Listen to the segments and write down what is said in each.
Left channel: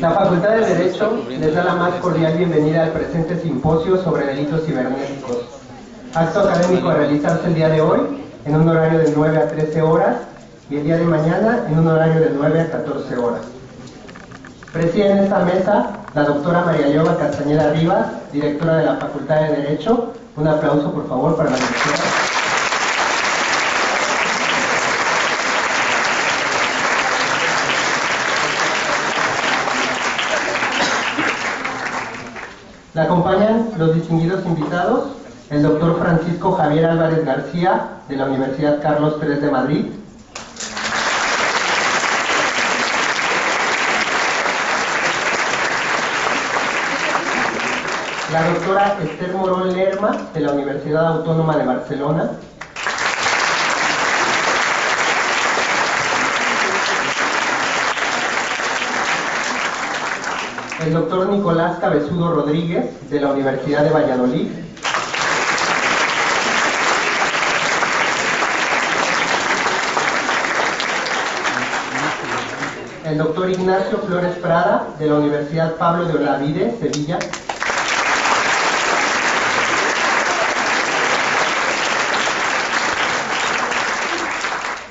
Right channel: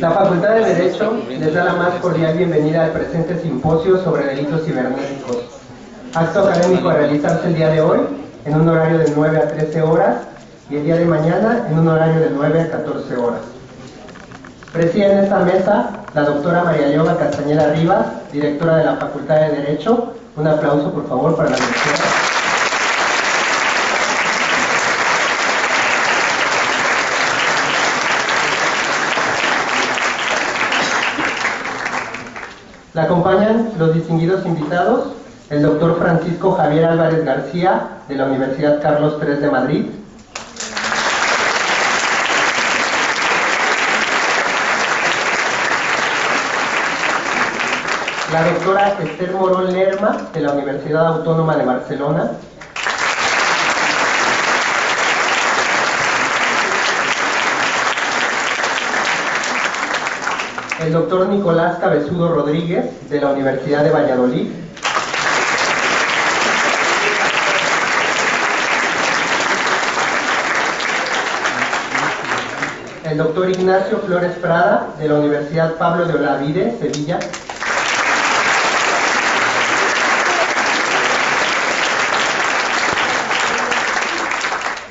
La Facultad de Derecho les da la más cordial bienvenida al presente simposio sobre delitos cibernéticos. Acto académico a realizarse el día de hoy en un horario de 9 a 13 horas y el día de mañana en un horario de 9 a 14 horas. Preside en esta mesa la doctora María Leona Castañeda Rivas, directora de la Facultad de Derecho. Un aplauso, por favor, para la doctora. La acompañan los distinguidos invitados, el doctor Francisco Javier Álvarez García, de la Universidad Carlos III de Madrid, la doctora Esther Morón Lerma, de la Universidad Autónoma de Barcelona, el doctor Nicolás Cabezudo Rodríguez, de la Universidad de Valladolid, el doctor Ignacio Flores Prada, de la Universidad Pablo de Olavide, Sevilla,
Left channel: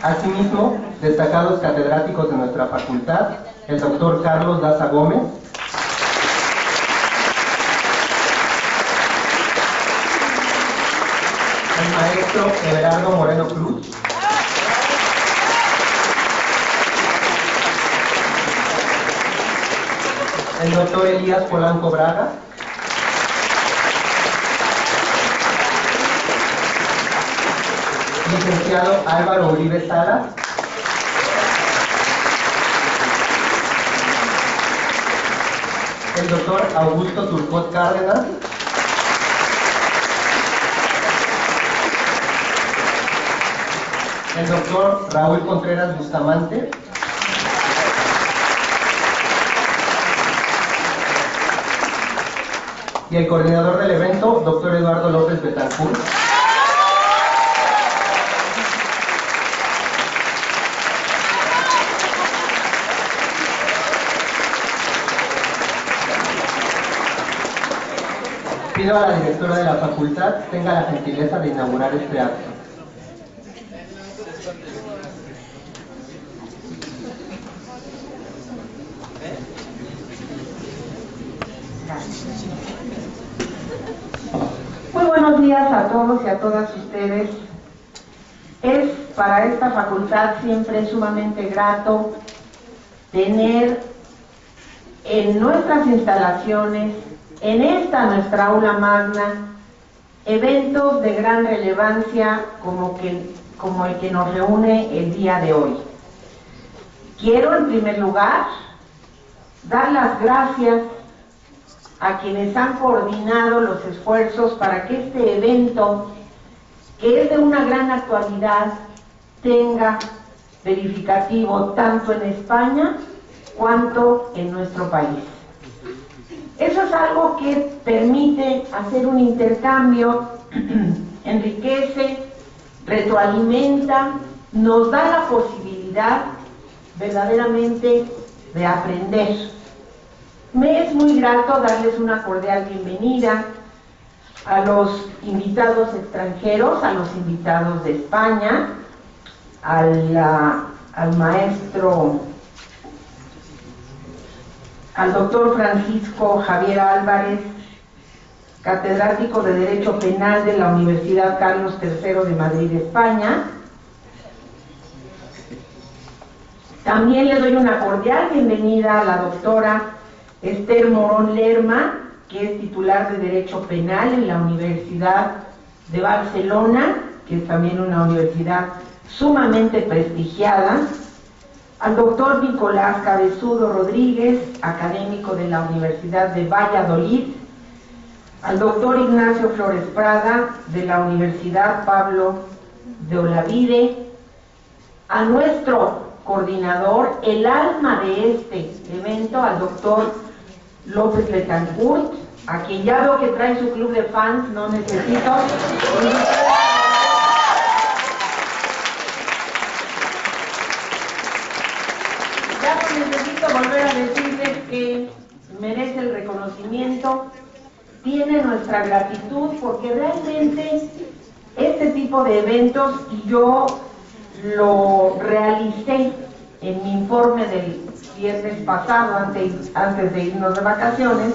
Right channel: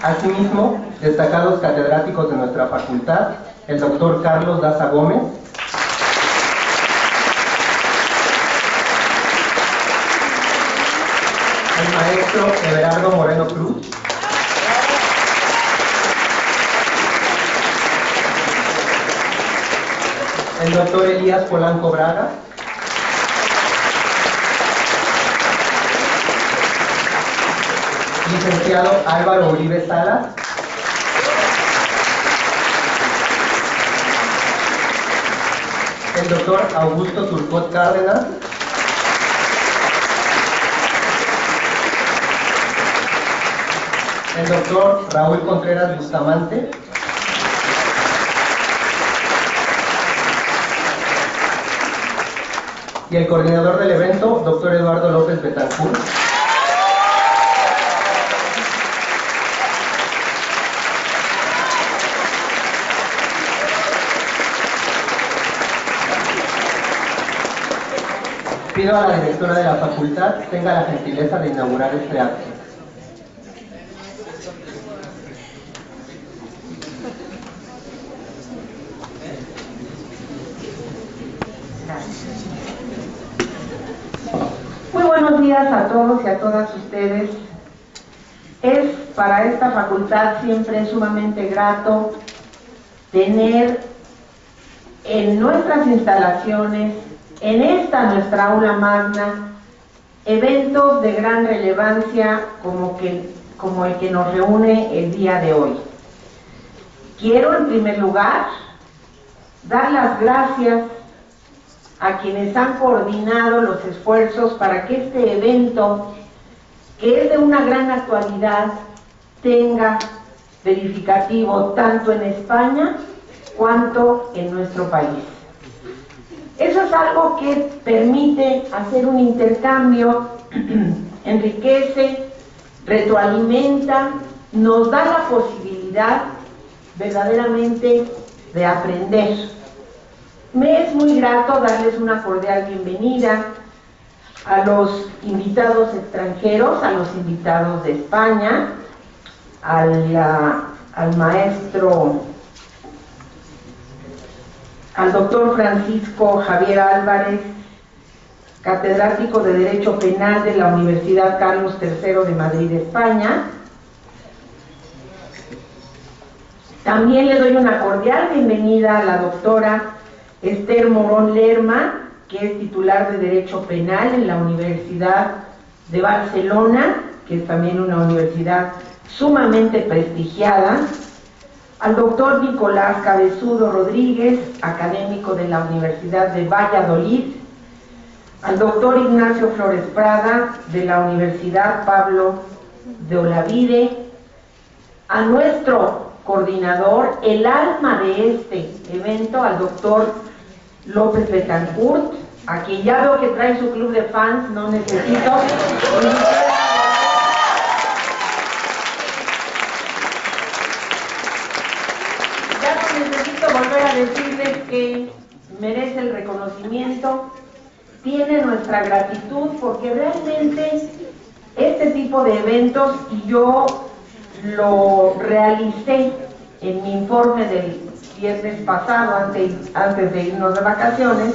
asimismo, destacados catedráticos de nuestra facultad, el doctor Carlos Daza Gómez, el maestro Everardo Moreno Cruz, el doctor Elías Polanco Braga, licenciado Álvaro Uribe Salas, el doctor Augusto Turcot Cárdenas, el doctor Raúl Contreras Bustamante, y el coordinador del evento, doctor Eduardo López Betancourt. Pido a la directora de la facultad tenga la gentileza de inaugurar este acto. Muy buenos días a todos y a todas ustedes. Es para esta facultad siempre sumamente grato tener en nuestras instalaciones, en esta nuestra aula magna, eventos de gran relevancia como el que nos reúne el día de hoy. Quiero en primer lugar dar las gracias a quienes han coordinado los esfuerzos para que este evento, que es de una gran actualidad, tenga verificativo tanto en España cuanto en nuestro país. Eso es algo que permite hacer un intercambio, enriquece, retroalimenta, nos da la posibilidad verdaderamente de aprender. Me es muy grato darles una cordial bienvenida a los invitados extranjeros, a los invitados de España, al maestro, al doctor Francisco Javier Álvarez, catedrático de Derecho Penal de la Universidad Carlos III de Madrid, España. También le doy una cordial bienvenida a la doctora Esther Morón Lerma, que es titular de Derecho Penal en la Universidad de Barcelona, que es también una universidad sumamente prestigiada, al doctor Nicolás Cabezudo Rodríguez, académico de la Universidad de Valladolid, al doctor Ignacio Flores Prada, de la Universidad Pablo de Olavide, a nuestro coordinador, el alma de este evento, al doctor López Betancourt, a quien ya veo que trae su club de fans, no necesito. Ya no necesito volver a decirles que merece el reconocimiento, tiene nuestra gratitud, porque realmente este tipo de eventos, y yo lo realicé en mi informe del viernes pasado, antes de irnos de vacaciones,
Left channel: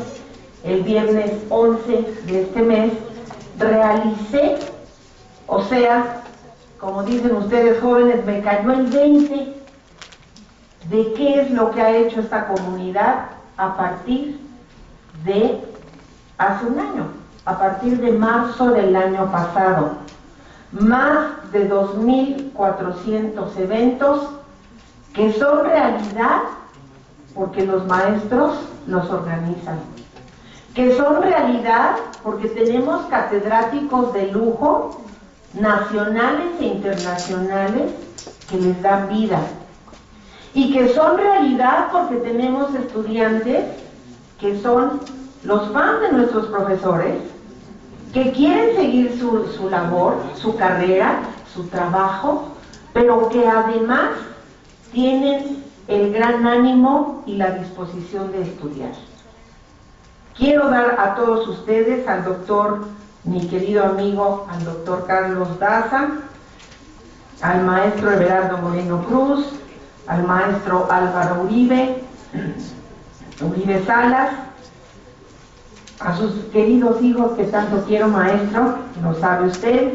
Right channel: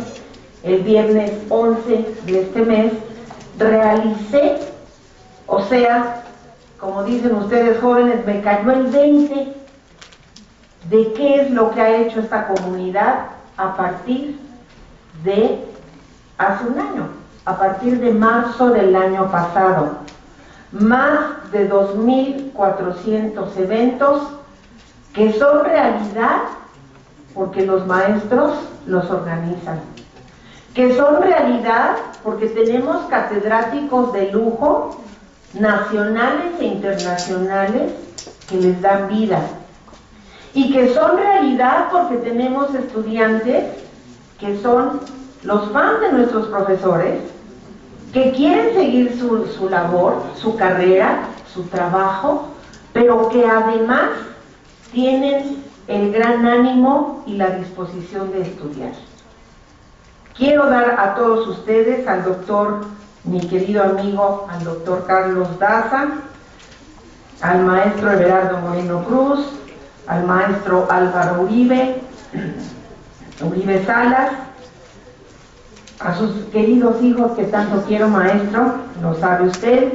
el viernes 11 de este mes, realicé, o sea, como dicen ustedes jóvenes, me cayó el 20 de qué es lo que ha hecho esta comunidad a partir de hace un año, a partir de marzo del año pasado. Más de 2.400 eventos que son realidad porque los maestros los organizan, que son realidad porque tenemos catedráticos de lujo, nacionales e internacionales, que les dan vida, y que son realidad porque tenemos estudiantes que son los fans de nuestros profesores, que quieren seguir su labor, su carrera, su trabajo, pero que además tienen el gran ánimo y la disposición de estudiar. Quiero dar a todos ustedes, al doctor, mi querido amigo, al doctor Carlos Daza, al maestro Everardo Moreno Cruz, al maestro Álvaro Uribe Salas, a sus queridos hijos que tanto quiero, maestro, lo sabe usted,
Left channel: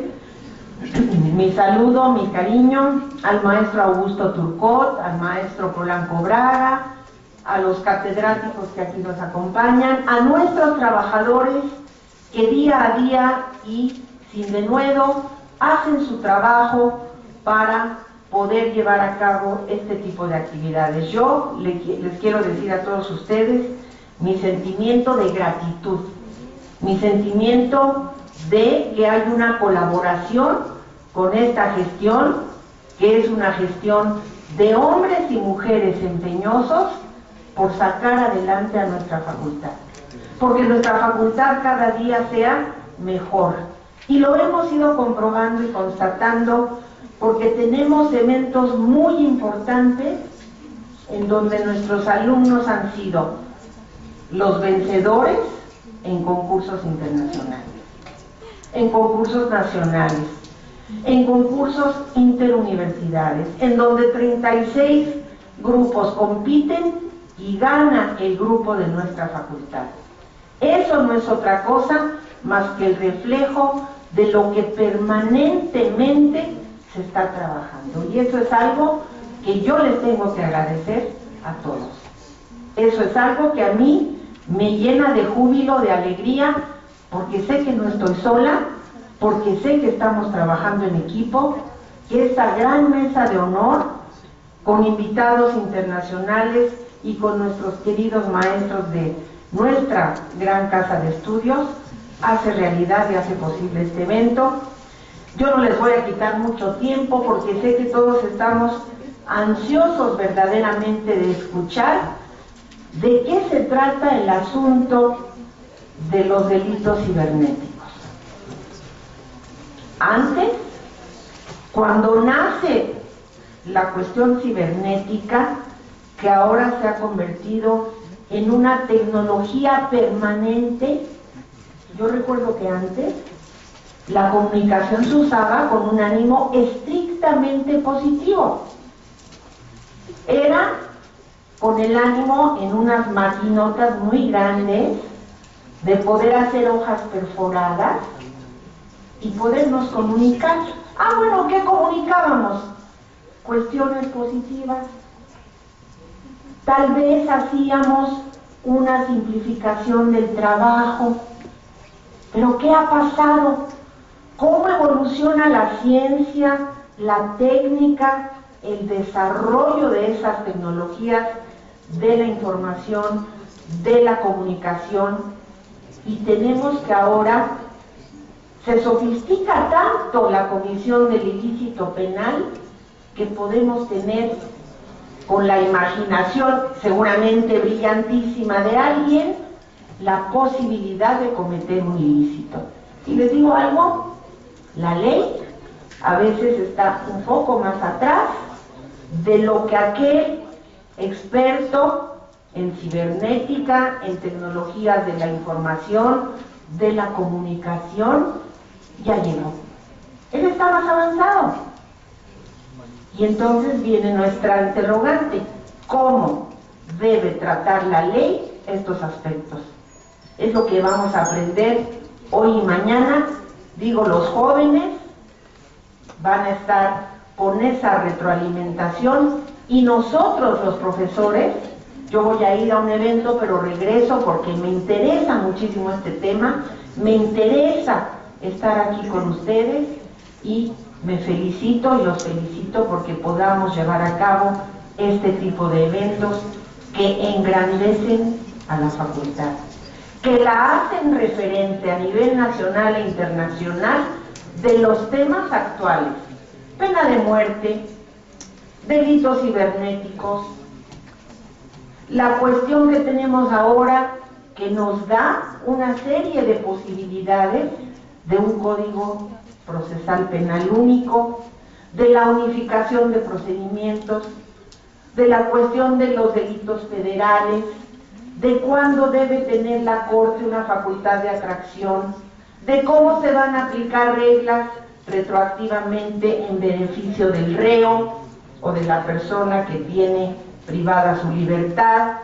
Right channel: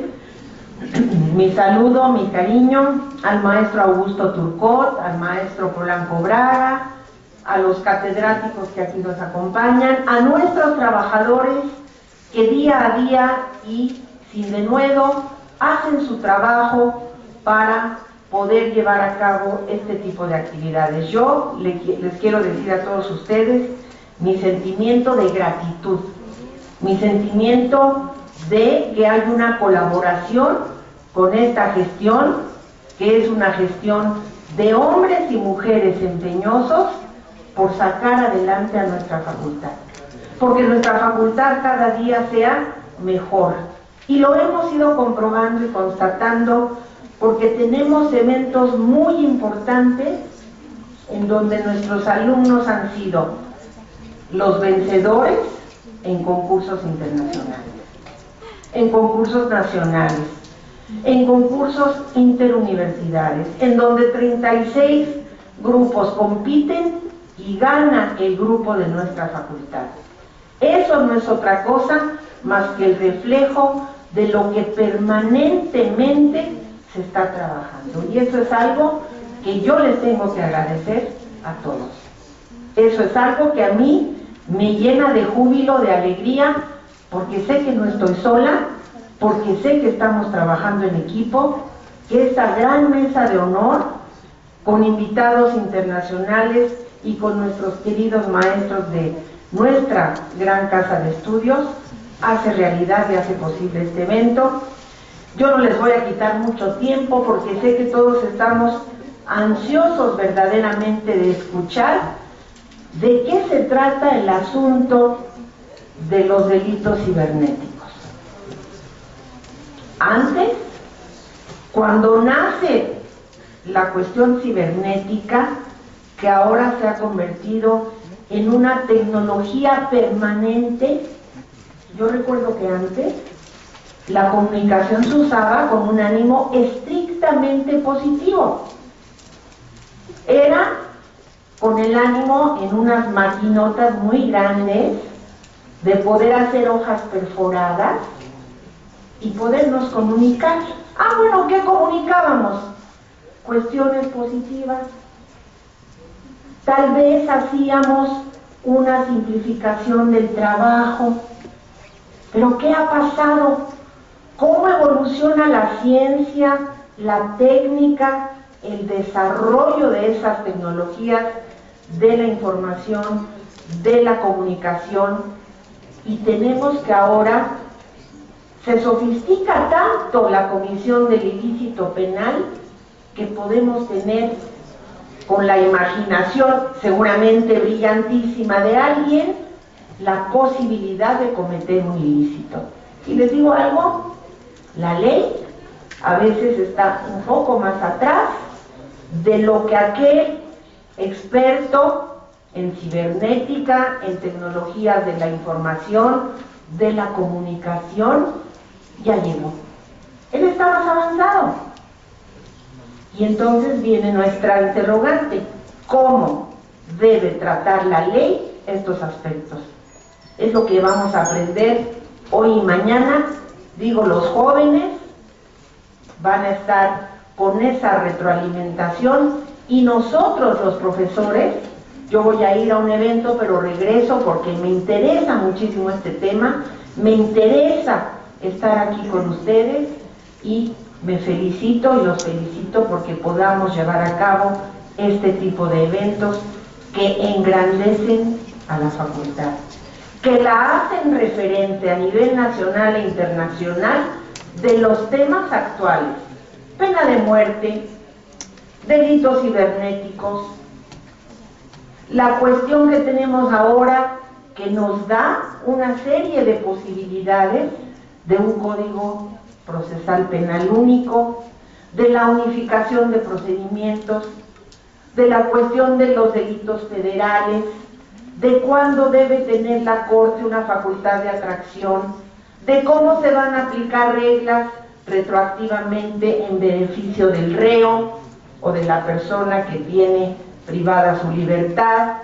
mi saludo, mi cariño, al maestro Augusto Turcot, al maestro Polanco Braga, a los catedráticos que aquí nos acompañan, a nuestros trabajadores que día a día y sin denuedo hacen su trabajo para poder llevar a cabo este tipo de actividades. Yo les quiero decir a todos ustedes mi sentimiento de gratitud, mi sentimiento de que hay una colaboración con esta gestión, que es una gestión de hombres y mujeres empeñosos por sacar adelante a nuestra facultad, porque nuestra facultad cada día sea mejor, y lo hemos ido comprobando y constatando, porque tenemos eventos muy importantes en donde nuestros alumnos han sido los vencedores en concursos internacionales, en concursos nacionales, en concursos interuniversidades, en donde 36 grupos compiten y gana el grupo de nuestra facultad. Eso no es otra cosa más que el reflejo de lo que permanentemente se está trabajando, y eso es algo que yo les tengo que agradecer a todos. Eso es algo que a mí me llena de júbilo, de alegría, porque sé que no estoy sola, porque sé que estamos trabajando en equipo, que esta gran mesa de honor, con invitados internacionales y con nuestros queridos maestros de nuestra gran casa de estudios, hace realidad y hace posible este evento. Yo no les voy a quitar mucho tiempo porque sé que todos estamos ansiosos verdaderamente de escuchar de qué se trata el asunto de los delitos cibernéticos. Antes, cuando nace la cuestión cibernética, que ahora se ha convertido en una tecnología permanente, yo recuerdo que antes la comunicación se usaba con un ánimo estrictamente positivo. Era con el ánimo en unas maquinotas muy grandes de poder hacer hojas perforadas y podernos comunicar. Ah, bueno, ¿qué comunicábamos? Cuestiones positivas. Tal vez hacíamos una simplificación del trabajo. Pero ¿qué ha pasado? ¿Cómo evoluciona la ciencia, la técnica, el desarrollo de esas tecnologías de la información, de la comunicación? Y tenemos que ahora se sofistica tanto la comisión del ilícito penal que podemos tener, con la imaginación seguramente brillantísima de alguien, la posibilidad de cometer un ilícito. Y les digo algo, la ley a veces está un poco más atrás de lo que aquel experto en cibernética, en tecnologías de la información, de la comunicación, ya llegó. Él está más avanzado. Y entonces viene nuestra interrogante: ¿cómo debe tratar la ley estos aspectos? Es lo que vamos a aprender hoy y mañana. Digo, los jóvenes van a estar con esa retroalimentación y nosotros los profesores, yo voy a ir a un evento pero regreso porque me interesa muchísimo este tema, me interesa estar aquí con ustedes y me felicito y los felicito porque podamos llevar a cabo este tipo de eventos que engrandecen a la facultad, que la hacen referente a nivel nacional e internacional de los temas actuales: pena de muerte, delitos cibernéticos, la cuestión que tenemos ahora que nos da una serie de posibilidades de un código procesal penal único, de la unificación de procedimientos, de la cuestión de los delitos federales, de cuándo debe tener la Corte una facultad de atracción, de cómo se van a aplicar reglas retroactivamente en beneficio del reo o de la persona que tiene privada su libertad.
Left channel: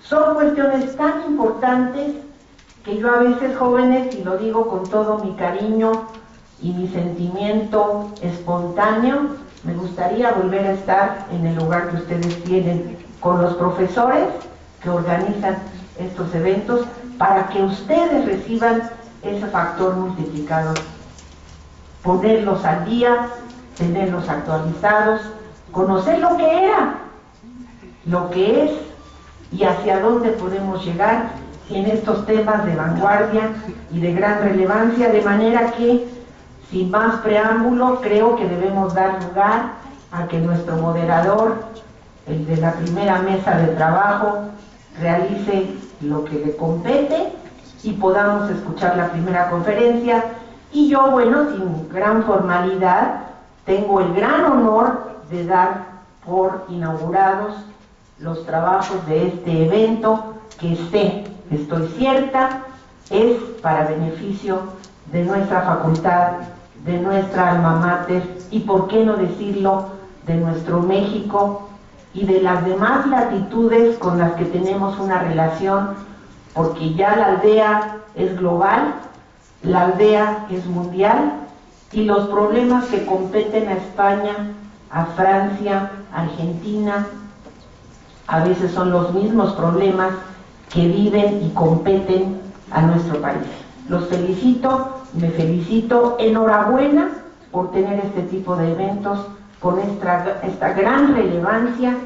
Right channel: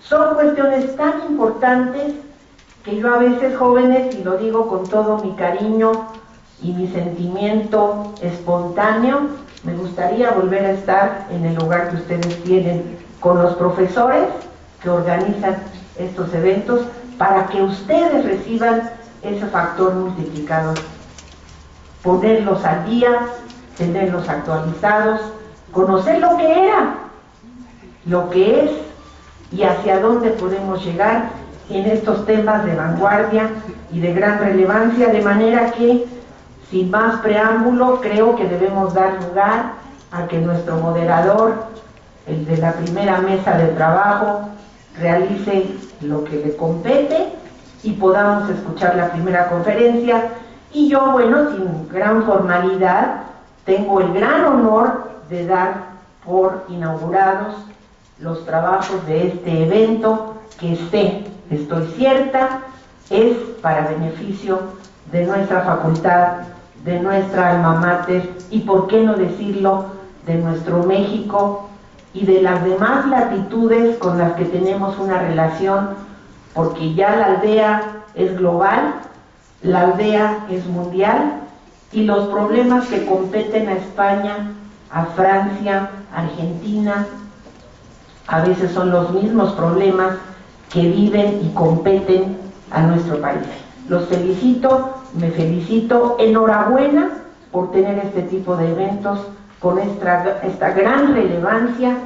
Son cuestiones tan importantes que yo a veces, jóvenes, y lo digo con todo mi cariño y mi sentimiento espontáneo, me gustaría volver a estar en el lugar que ustedes tienen con los profesores que organizan estos eventos para que ustedes reciban ese factor multiplicador. Ponerlos al día, tenerlos actualizados, conocer lo que era, lo que es y hacia dónde podemos llegar en estos temas de vanguardia y de gran relevancia, de manera que, sin más preámbulo, creo que debemos dar lugar a que nuestro moderador, el de la primera mesa de trabajo, realice lo que le compete y podamos escuchar la primera conferencia. Y yo, bueno, sin gran formalidad, tengo el gran honor de dar por inaugurados los trabajos de este evento que estoy cierta, es para beneficio de nuestra facultad, de nuestra alma mater y, por qué no decirlo, de nuestro México y de las demás latitudes con las que tenemos una relación, porque ya la aldea es global, la aldea es mundial y los problemas que competen a España, a Francia, a Argentina, a veces son los mismos problemas que viven y competen a nuestro país. Los felicito, me felicito, enhorabuena por tener este tipo de eventos con esta gran relevancia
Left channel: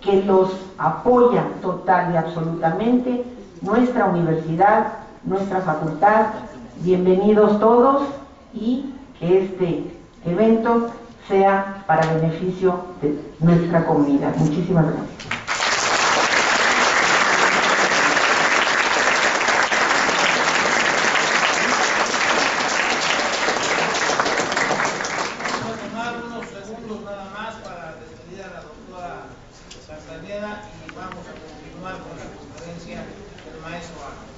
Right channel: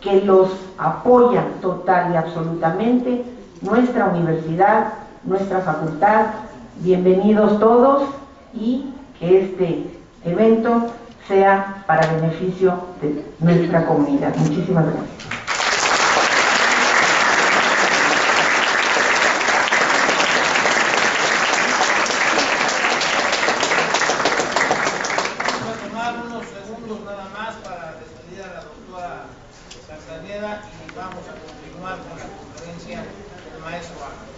que los apoya total y absolutamente nuestra universidad, nuestra facultad. Bienvenidos todos y que este evento sea para beneficio de nuestra comunidad. Muchísimas gracias. Y vamos a continuar con la conferencia del maestro Ángel.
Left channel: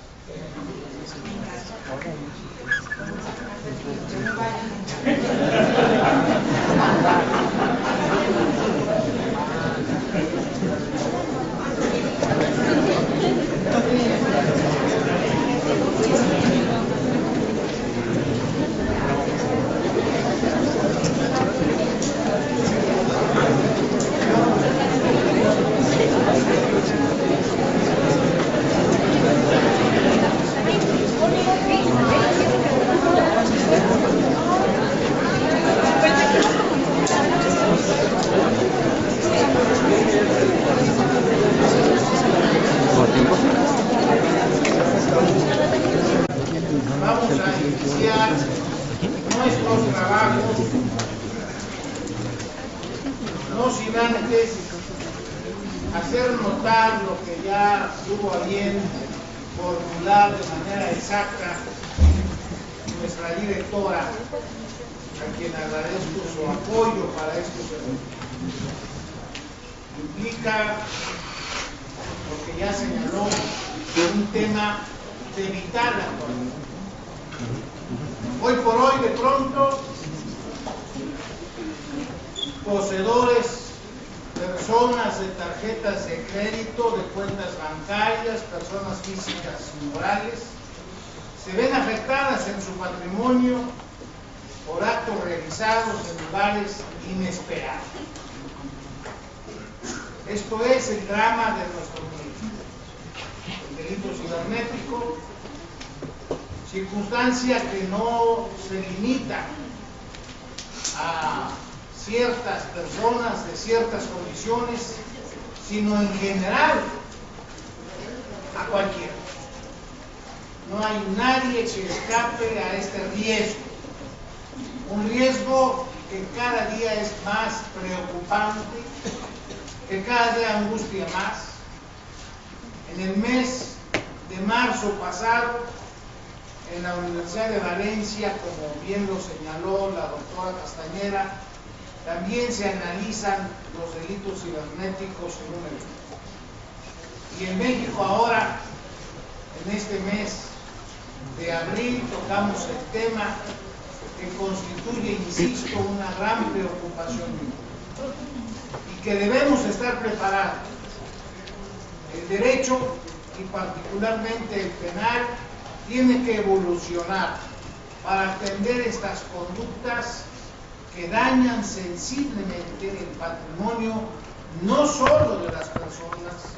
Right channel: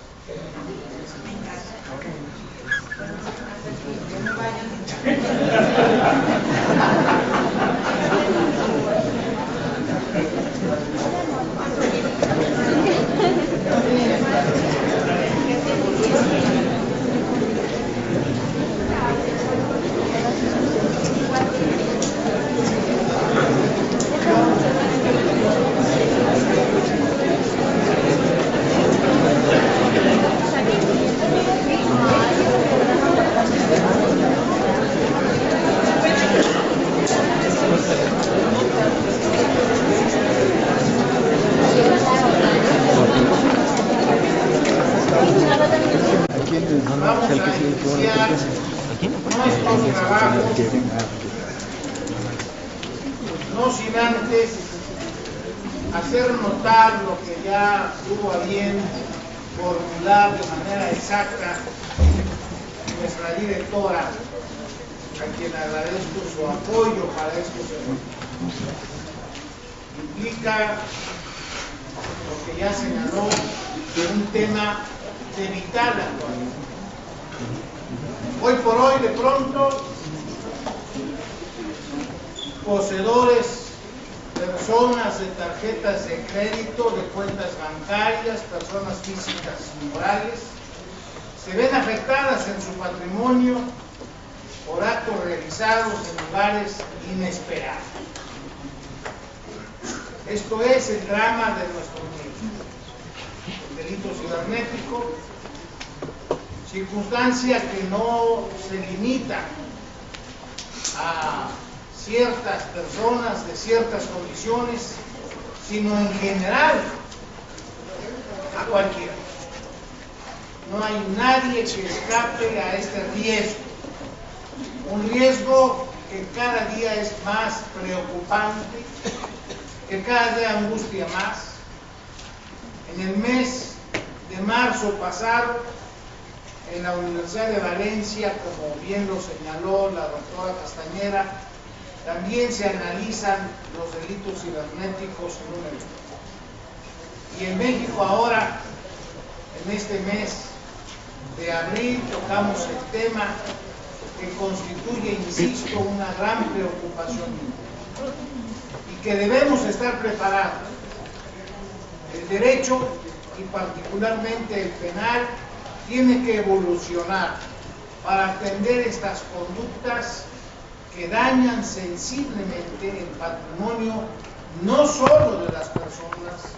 Vamos a iniciar nuestros trabajos, no sin antes hacer notar lo que ya tuvo a bien formular de manera exacta nuestra directora, a quien agradezco su apoyo para estos eventos. Implica porque ya señaló un tema de vital actualidad. Hoy por hoy, de pronto, poseedores, personas de tarjetas de crédito, de cuentas bancarias, personas físicas y morales, se ven afectadas en su patrimonio por actos realizados en lugares inesperados. Esto es el drama de nuestro tiempo. El delito cibernético, circunstancia que no se limita a ciertas personas de ciertas condiciones, sino en general a cualquiera. No hay nadie que escape a este riesgo. Un riesgo que cada día es más preocupante, que cada día angustia más. En el mes de marzo pasado, en la Universidad de Valencia, como bien lo señaló la doctora Castañera, también se analizan los delitos cibernéticos en un evento. Y en México ahora, en este mes de abril, tocamos el tema que constituye, insisto, una gran preocupación y que debemos estar preparados. El derecho, y particularmente el penal, tiene que evolucionar para atender estas conductas que dañan sensiblemente el patrimonio no solo de las personas,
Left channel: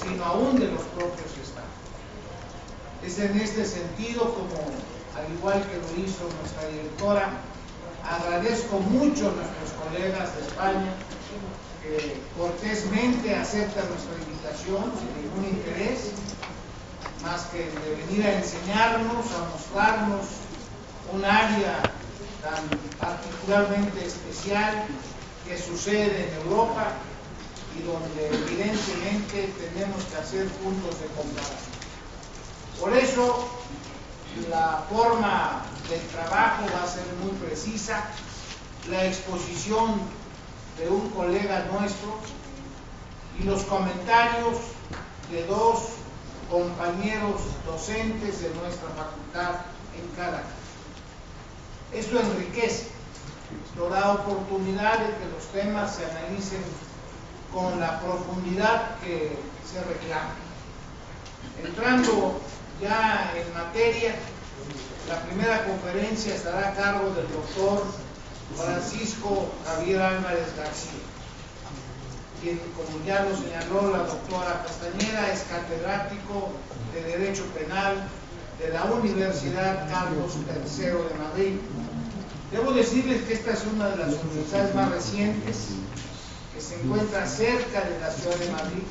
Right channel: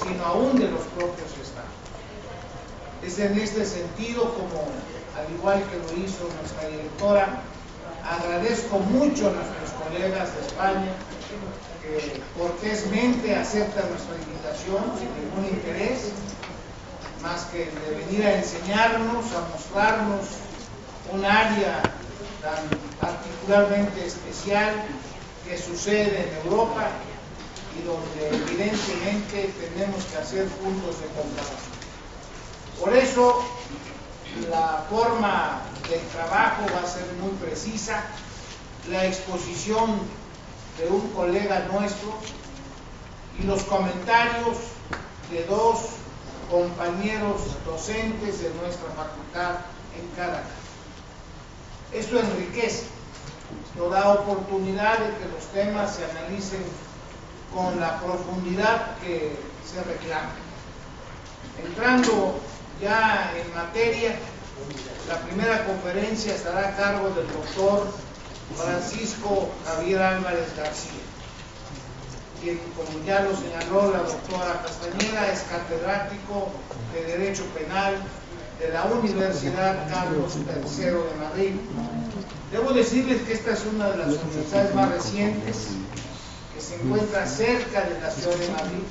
sino aún de los propios estados. Es en este sentido como, al igual que lo hizo nuestra directora, agradezco mucho a nuestros colegas de España que cortésmente aceptan nuestra invitación sin ningún interés, más que de venir a enseñarnos, a mostrarnos un área tan particularmente especial que sucede en Europa y donde evidentemente tenemos que hacer puntos de comparación. Por eso la forma del trabajo va a ser muy precisa, la exposición de un colega nuestro y los comentarios de dos compañeros docentes de nuestra facultad en cada caso. Esto enriquece, esto da oportunidad de que los temas se analicen con la profundidad que se reclama. Entrando ya en materia, la primera conferencia estará a cargo del doctor Francisco Javier Álvarez García, quien, como ya lo señaló la doctora Castañera, es catedrático de Derecho Penal de la Universidad Carlos III de Madrid. Debo decirles que esta es una de las universidades más recientes que se encuentra cerca de la ciudad de Madrid,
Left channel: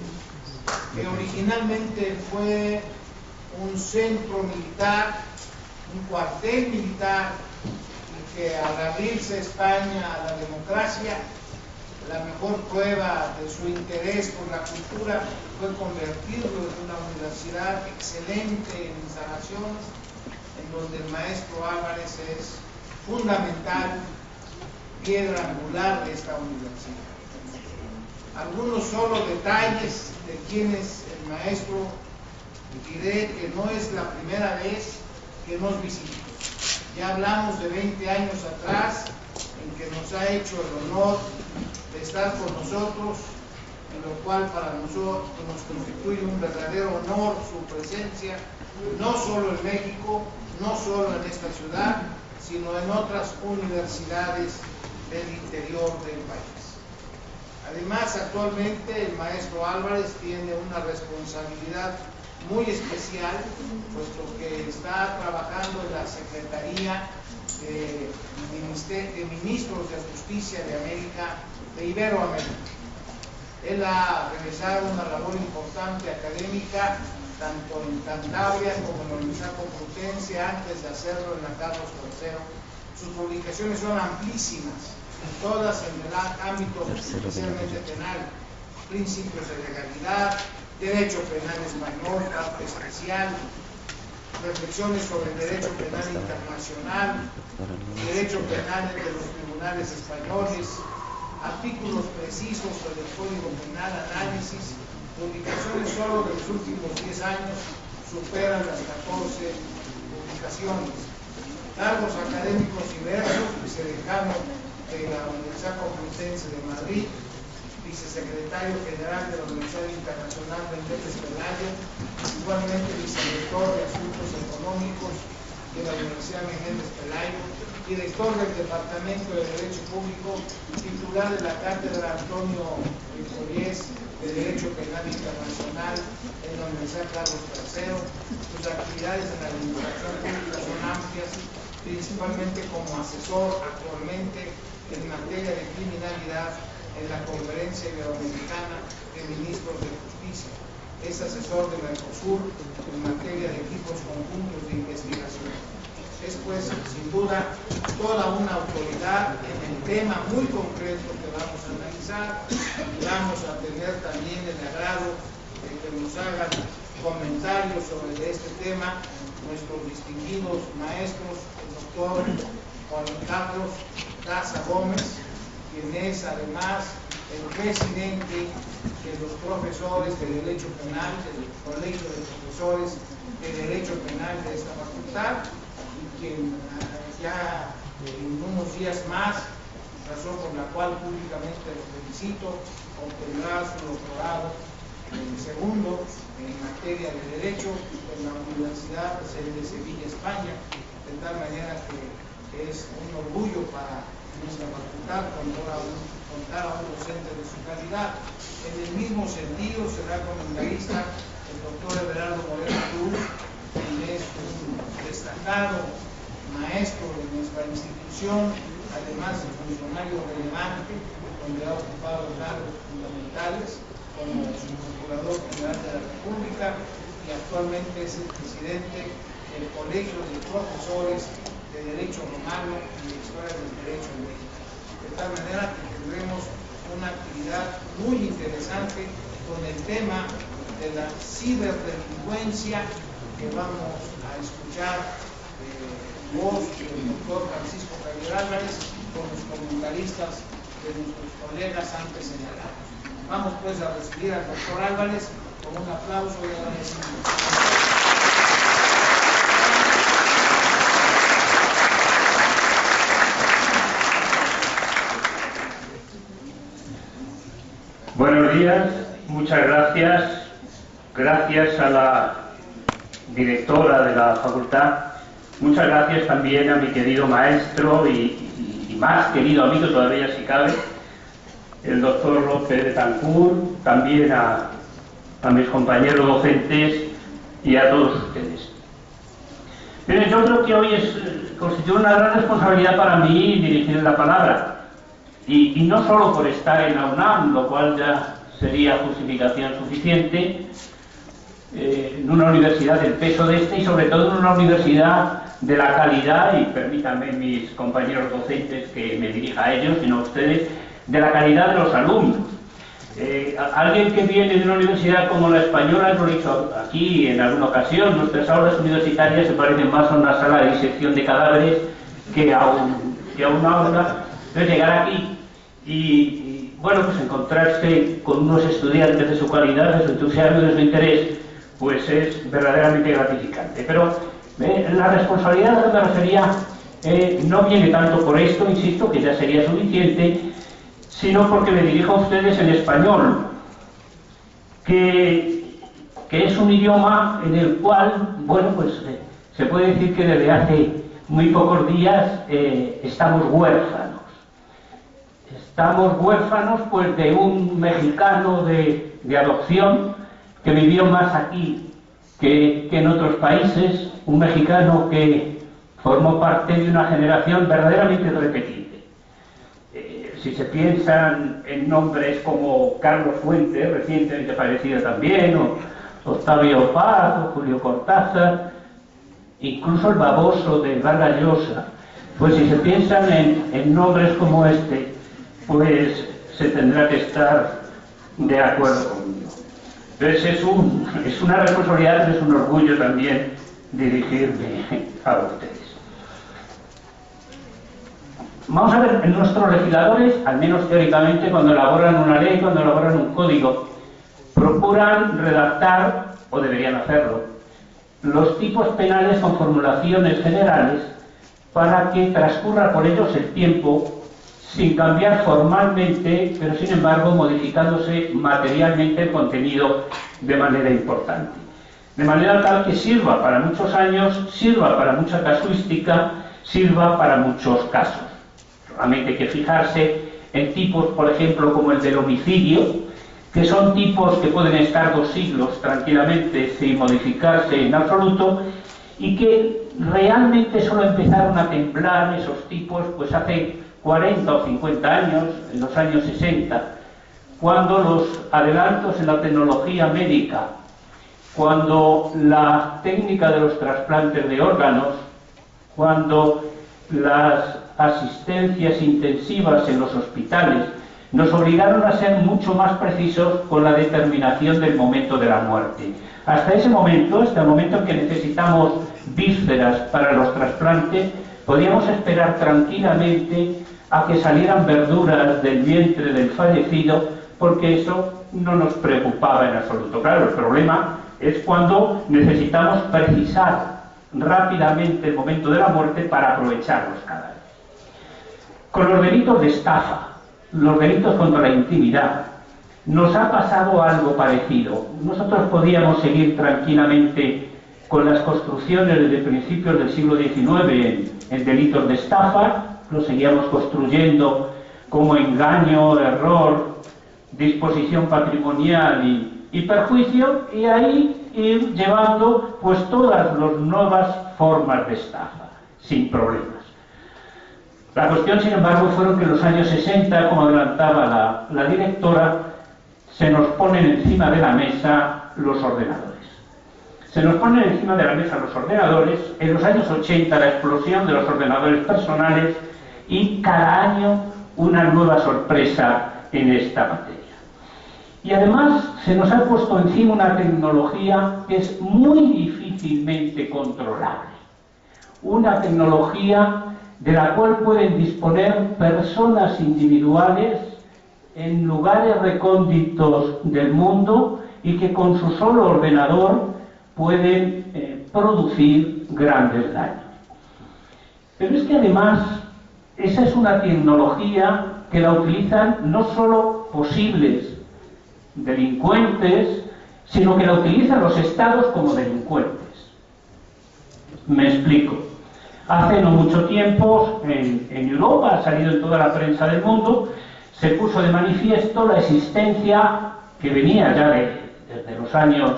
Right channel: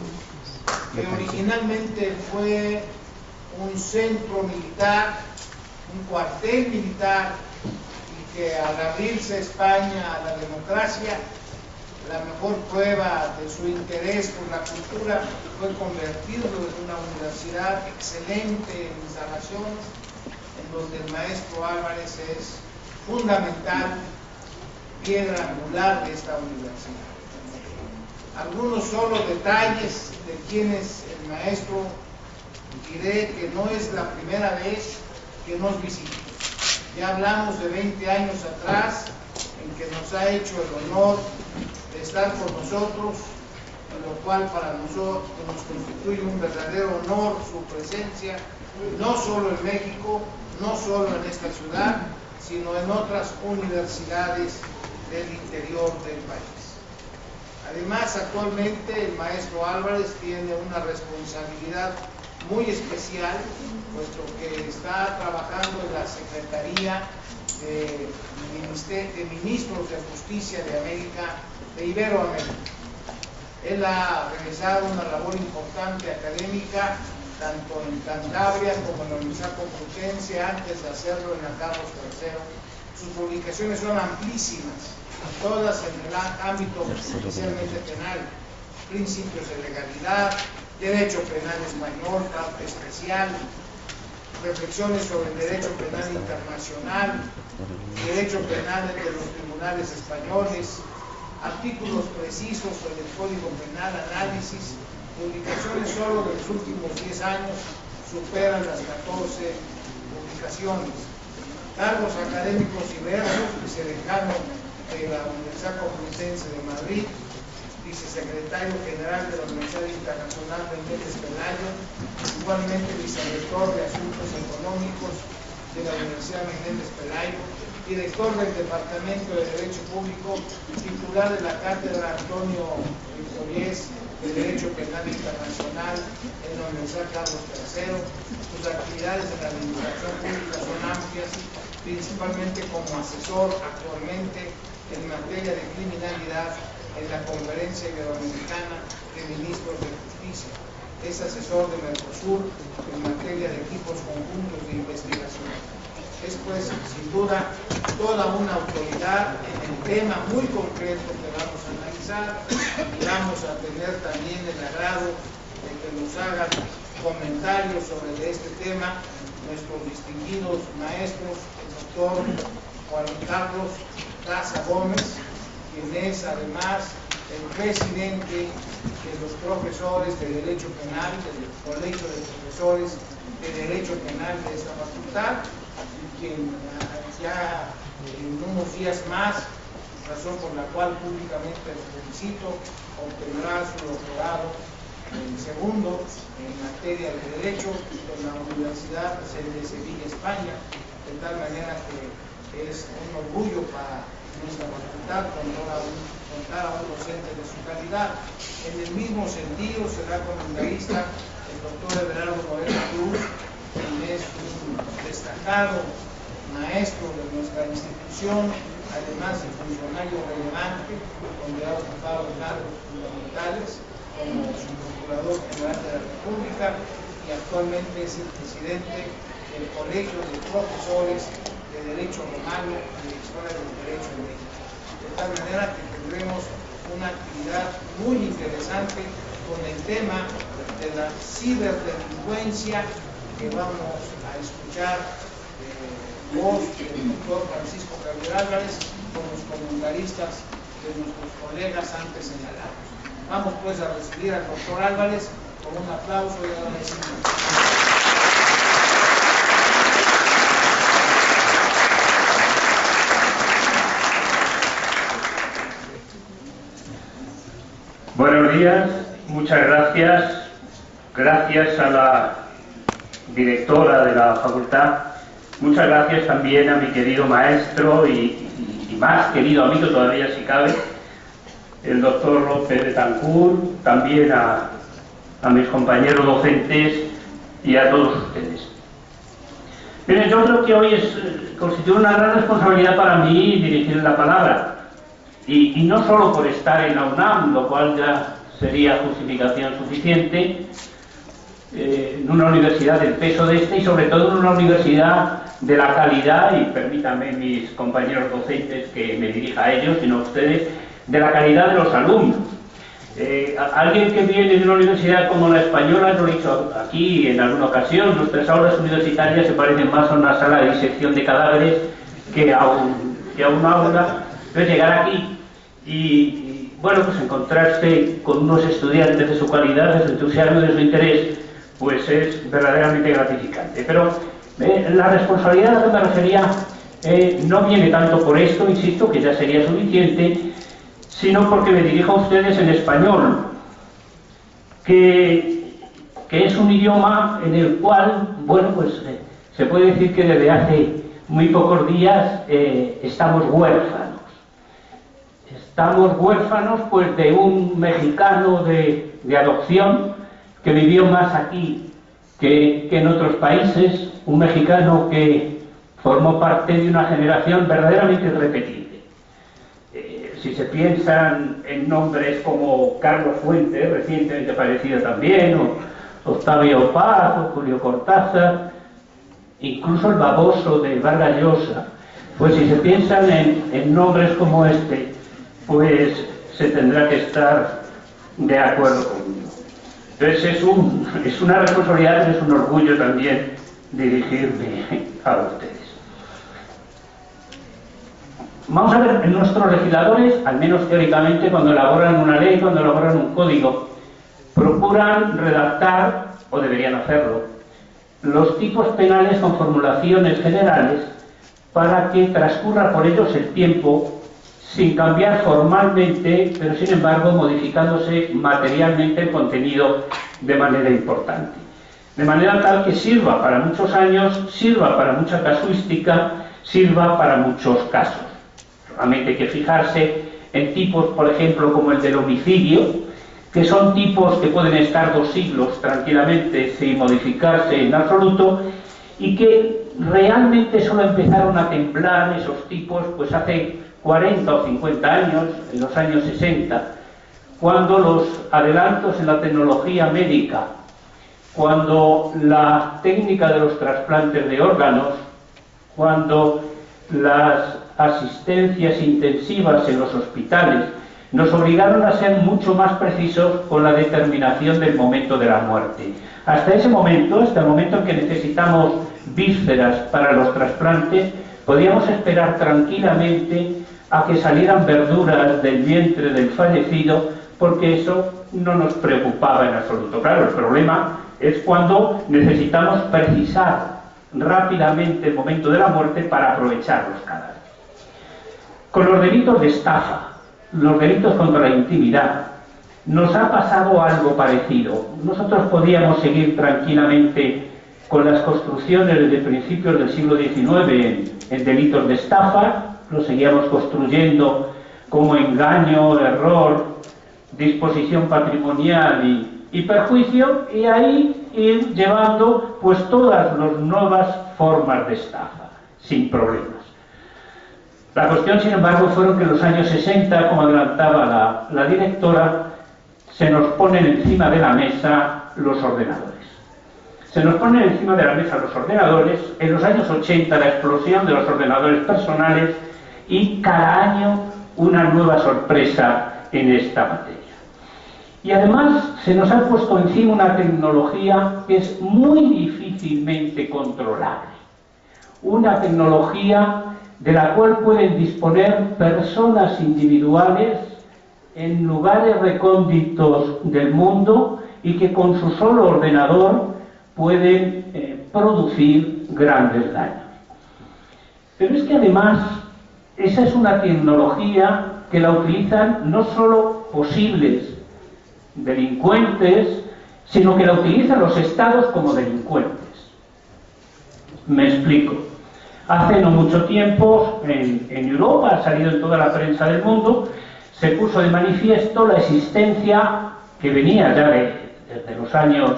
que originalmente fue un centro militar, un cuartel militar, y que al abrirse España a la democracia, la mejor prueba de su interés por la cultura fue convertirlo en una universidad excelente en instalaciones, en donde el maestro Álvarez es fundamental, piedra angular de esta universidad. Algunos solo detalles de quién es el maestro. Diré que no es la primera vez que nos visita. Ya hablamos de 20 años atrás en que nos ha hecho el honor de estar con nosotros, en lo cual para nosotros nos constituye un verdadero honor su presencia, no solo en México, no solo en esta ciudad, sino en otras universidades del interior del país. Además, actualmente el maestro Álvarez tiene una responsabilidad muy especial, puesto que está trabajando en la Secretaría de Ministros de Justicia de América, de Iberoamérica. Él ha realizado una labor importante académica, tanto en Cantabria como en la Universidad Complutense, antes de hacerlo en la Carlos III. Sus publicaciones son amplísimas, todas en el ámbito especialmente penal: principios de legalidad, derecho penal español, parte especial, reflexiones sobre el derecho penal internacional, derecho penal de los tribunales españoles, artículos precisos sobre el Código Penal, análisis, Publicaciones solo de los últimos 10 años superan las 14 publicaciones. Cargos académicos diversos, vicedecano de la Universidad Complutense de Madrid, vicesecretario general de la Universidad Internacional de Méndez Pelayo, igualmente vicerrector de Asuntos Económicos de la Universidad Menéndez Pelayo, director del Departamento de Derecho Público, titular de la Cátedra Antonio Victoriés de Derecho Penal Internacional en la Universidad Carlos III. Sus actividades en la administración pública son amplias, principalmente como asesor actualmente en materia de criminalidad en la Conferencia Iberoamericana de Ministros de Justicia. Es asesor de Mercosur en materia de equipos conjuntos de investigación. Es pues, sin duda, toda una autoridad en el tema muy concreto que vamos a analizar, y vamos a tener también el agrado de que nos hagan comentarios sobre este tema nuestros distinguidos maestros, el doctor Juan Carlos Daza Gómez, quien es además el presidente de los profesores de Derecho Penal, del Colegio de Profesores de Derecho Penal de esta facultad, y quien ya en unos días más, razón por la cual públicamente lo felicito, obtendrá su doctorado segundo en materia de Derecho en la Universidad de Sevilla, España, de tal manera que es un orgullo para nuestra facultad contar a un docente de su calidad. En el mismo sentido será comentarista el doctor Everardo Moreno Cruz, quien es un destacado maestro de nuestra institución, además de funcionario relevante, donde ha ocupado cargos fundamentales como Procurador General de la República y actualmente es el presidente del Colegio de Profesores de Derecho Romano y de Historia del Derecho en México. De tal manera que tendremos una actividad muy interesante con el tema de la ciberdelincuencia que vamos a escuchar voz del doctor Francisco Javier Álvarez con los comentaristas de nuestros colegas antes señalados. Vamos pues a recibir al doctor Álvarez con un aplauso y agradecimiento. Buenos días, muchas gracias. Gracias a la directora de la facultad. Muchas gracias también a mi querido maestro y más querido amigo todavía si cabe, el doctor López Betancourt, también a mis compañeros docentes y a todos ustedes. Miren, yo creo que hoy constituye una gran responsabilidad para mí dirigir la palabra. Y no solo por estar en la UNAM, lo cual ya sería justificación suficiente, en una universidad del peso de y sobre todo en una universidad de la calidad, y permítanme mis compañeros docentes que me dirija a ellos, sino a ustedes, de la calidad de los alumnos. Alguien que viene de una universidad como la española, lo he dicho aquí en alguna ocasión, nuestras aulas universitarias se parecen más a una sala de disección de cadáveres que a una aula. Entonces llegar aquí y bueno, pues encontrarse con unos estudiantes de su calidad, de su entusiasmo, de su interés, pues es verdaderamente gratificante. Pero la responsabilidad a la que me refería no viene tanto por esto, insisto, que ya sería suficiente, sino porque me dirijo a ustedes en español, que es un idioma en el cual, bueno, pues se puede decir que desde hace muy pocos días estamos huérfanos. Estamos huérfanos pues de un mexicano de adopción que vivió más aquí que en otros países, un mexicano que formó parte de una generación verdaderamente irrepetible. Si se piensan en nombres como Carlos Fuentes, recientemente fallecido también, o Octavio Paz, o Julio Cortázar, incluso el baboso de Vargas Llosa, pues si se piensan en nombres como este, pues se tendrá que estar de acuerdo conmigo. Entonces es una responsabilidad, es un orgullo también dirigirme a ustedes. Vamos a ver, nuestros legisladores, al menos teóricamente, cuando elaboran una ley, cuando elaboran un código, procuran redactar, o deberían hacerlo, los tipos penales con formulaciones generales para que transcurra por ellos el tiempo sin cambiar formalmente, pero sin embargo modificándose materialmente el contenido de manera importante. De manera tal que sirva para muchos años, sirva para mucha casuística, sirva para muchos casos. Solamente hay que fijarse en tipos, por ejemplo, como el del homicidio, que son tipos que pueden estar 2 siglos tranquilamente sin modificarse en absoluto, y que realmente solo empezaron a temblar esos tipos pues hace 40 o 50 años, en los años 60, cuando los adelantos en la tecnología médica, cuando la técnica de los trasplantes de órganos, cuando las asistencias intensivas en los hospitales nos obligaron a ser mucho más precisos con la determinación del momento de la muerte. Hasta ese momento, hasta el momento en que necesitamos vísceras para los trasplantes, podíamos esperar tranquilamente a que salieran verduras del vientre del fallecido, porque eso no nos preocupaba en absoluto. Claro, el problema es cuando necesitamos precisar rápidamente el momento de la muerte para aprovechar los cadáveres. Con los delitos de estafa, los delitos contra la intimidad, nos ha pasado algo parecido. Nosotros podíamos seguir tranquilamente con las construcciones de principios del siglo XIX en delitos de estafa, lo seguíamos construyendo como engaño, error, disposición patrimonial y perjuicio, y ahí ir llevando pues todas las nuevas formas de estafa, sin problemas. La cuestión, sin embargo, fueron que en los años 60, como adelantaba la directora, se nos ponen encima de la mesa los ordenadores. Se nos ponen encima de la mesa los ordenadores, en los años 80 la explosión de los ordenadores personales, y cada año una nueva sorpresa en esta materia. Y además se nos ha puesto encima una tecnología que es muy difícilmente controlable. Una tecnología de la cual pueden disponer personas individuales en lugares recónditos del mundo y que con su solo ordenador pueden producir grandes daños. Pero es que además esa es una tecnología que la utilizan no solo posibles delincuentes, sino que la utilizan los estados como delincuentes. Me explico. Hace no mucho tiempo, en Europa, ha salido en toda la prensa del mundo, se puso de manifiesto la existencia, que venía ya desde los años,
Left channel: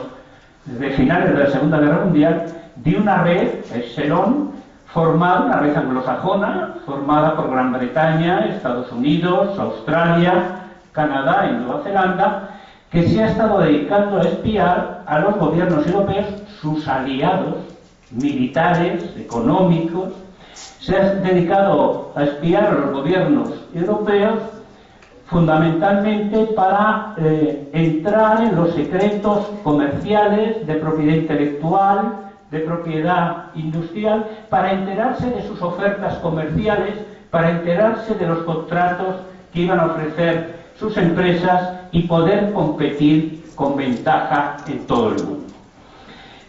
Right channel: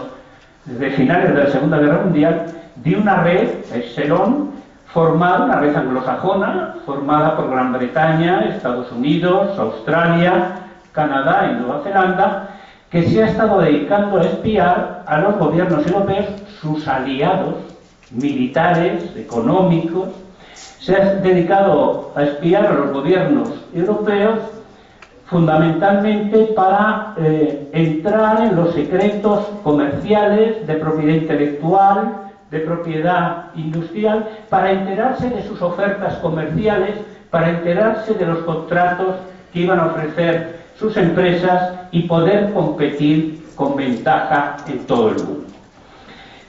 desde finales de la Segunda Guerra Mundial, de una red, Epsilon, formada, una red anglosajona, formada por Gran Bretaña, Estados Unidos, Australia, Canadá y Nueva Zelanda, que se ha estado dedicando a espiar a los gobiernos europeos, sus aliados militares, económicos. Se ha dedicado a espiar a los gobiernos europeos fundamentalmente para entrar en los secretos comerciales, de propiedad intelectual, de propiedad industrial, para enterarse de sus ofertas comerciales, para enterarse de los contratos que iban a ofrecer sus empresas y poder competir con ventaja en todo el mundo.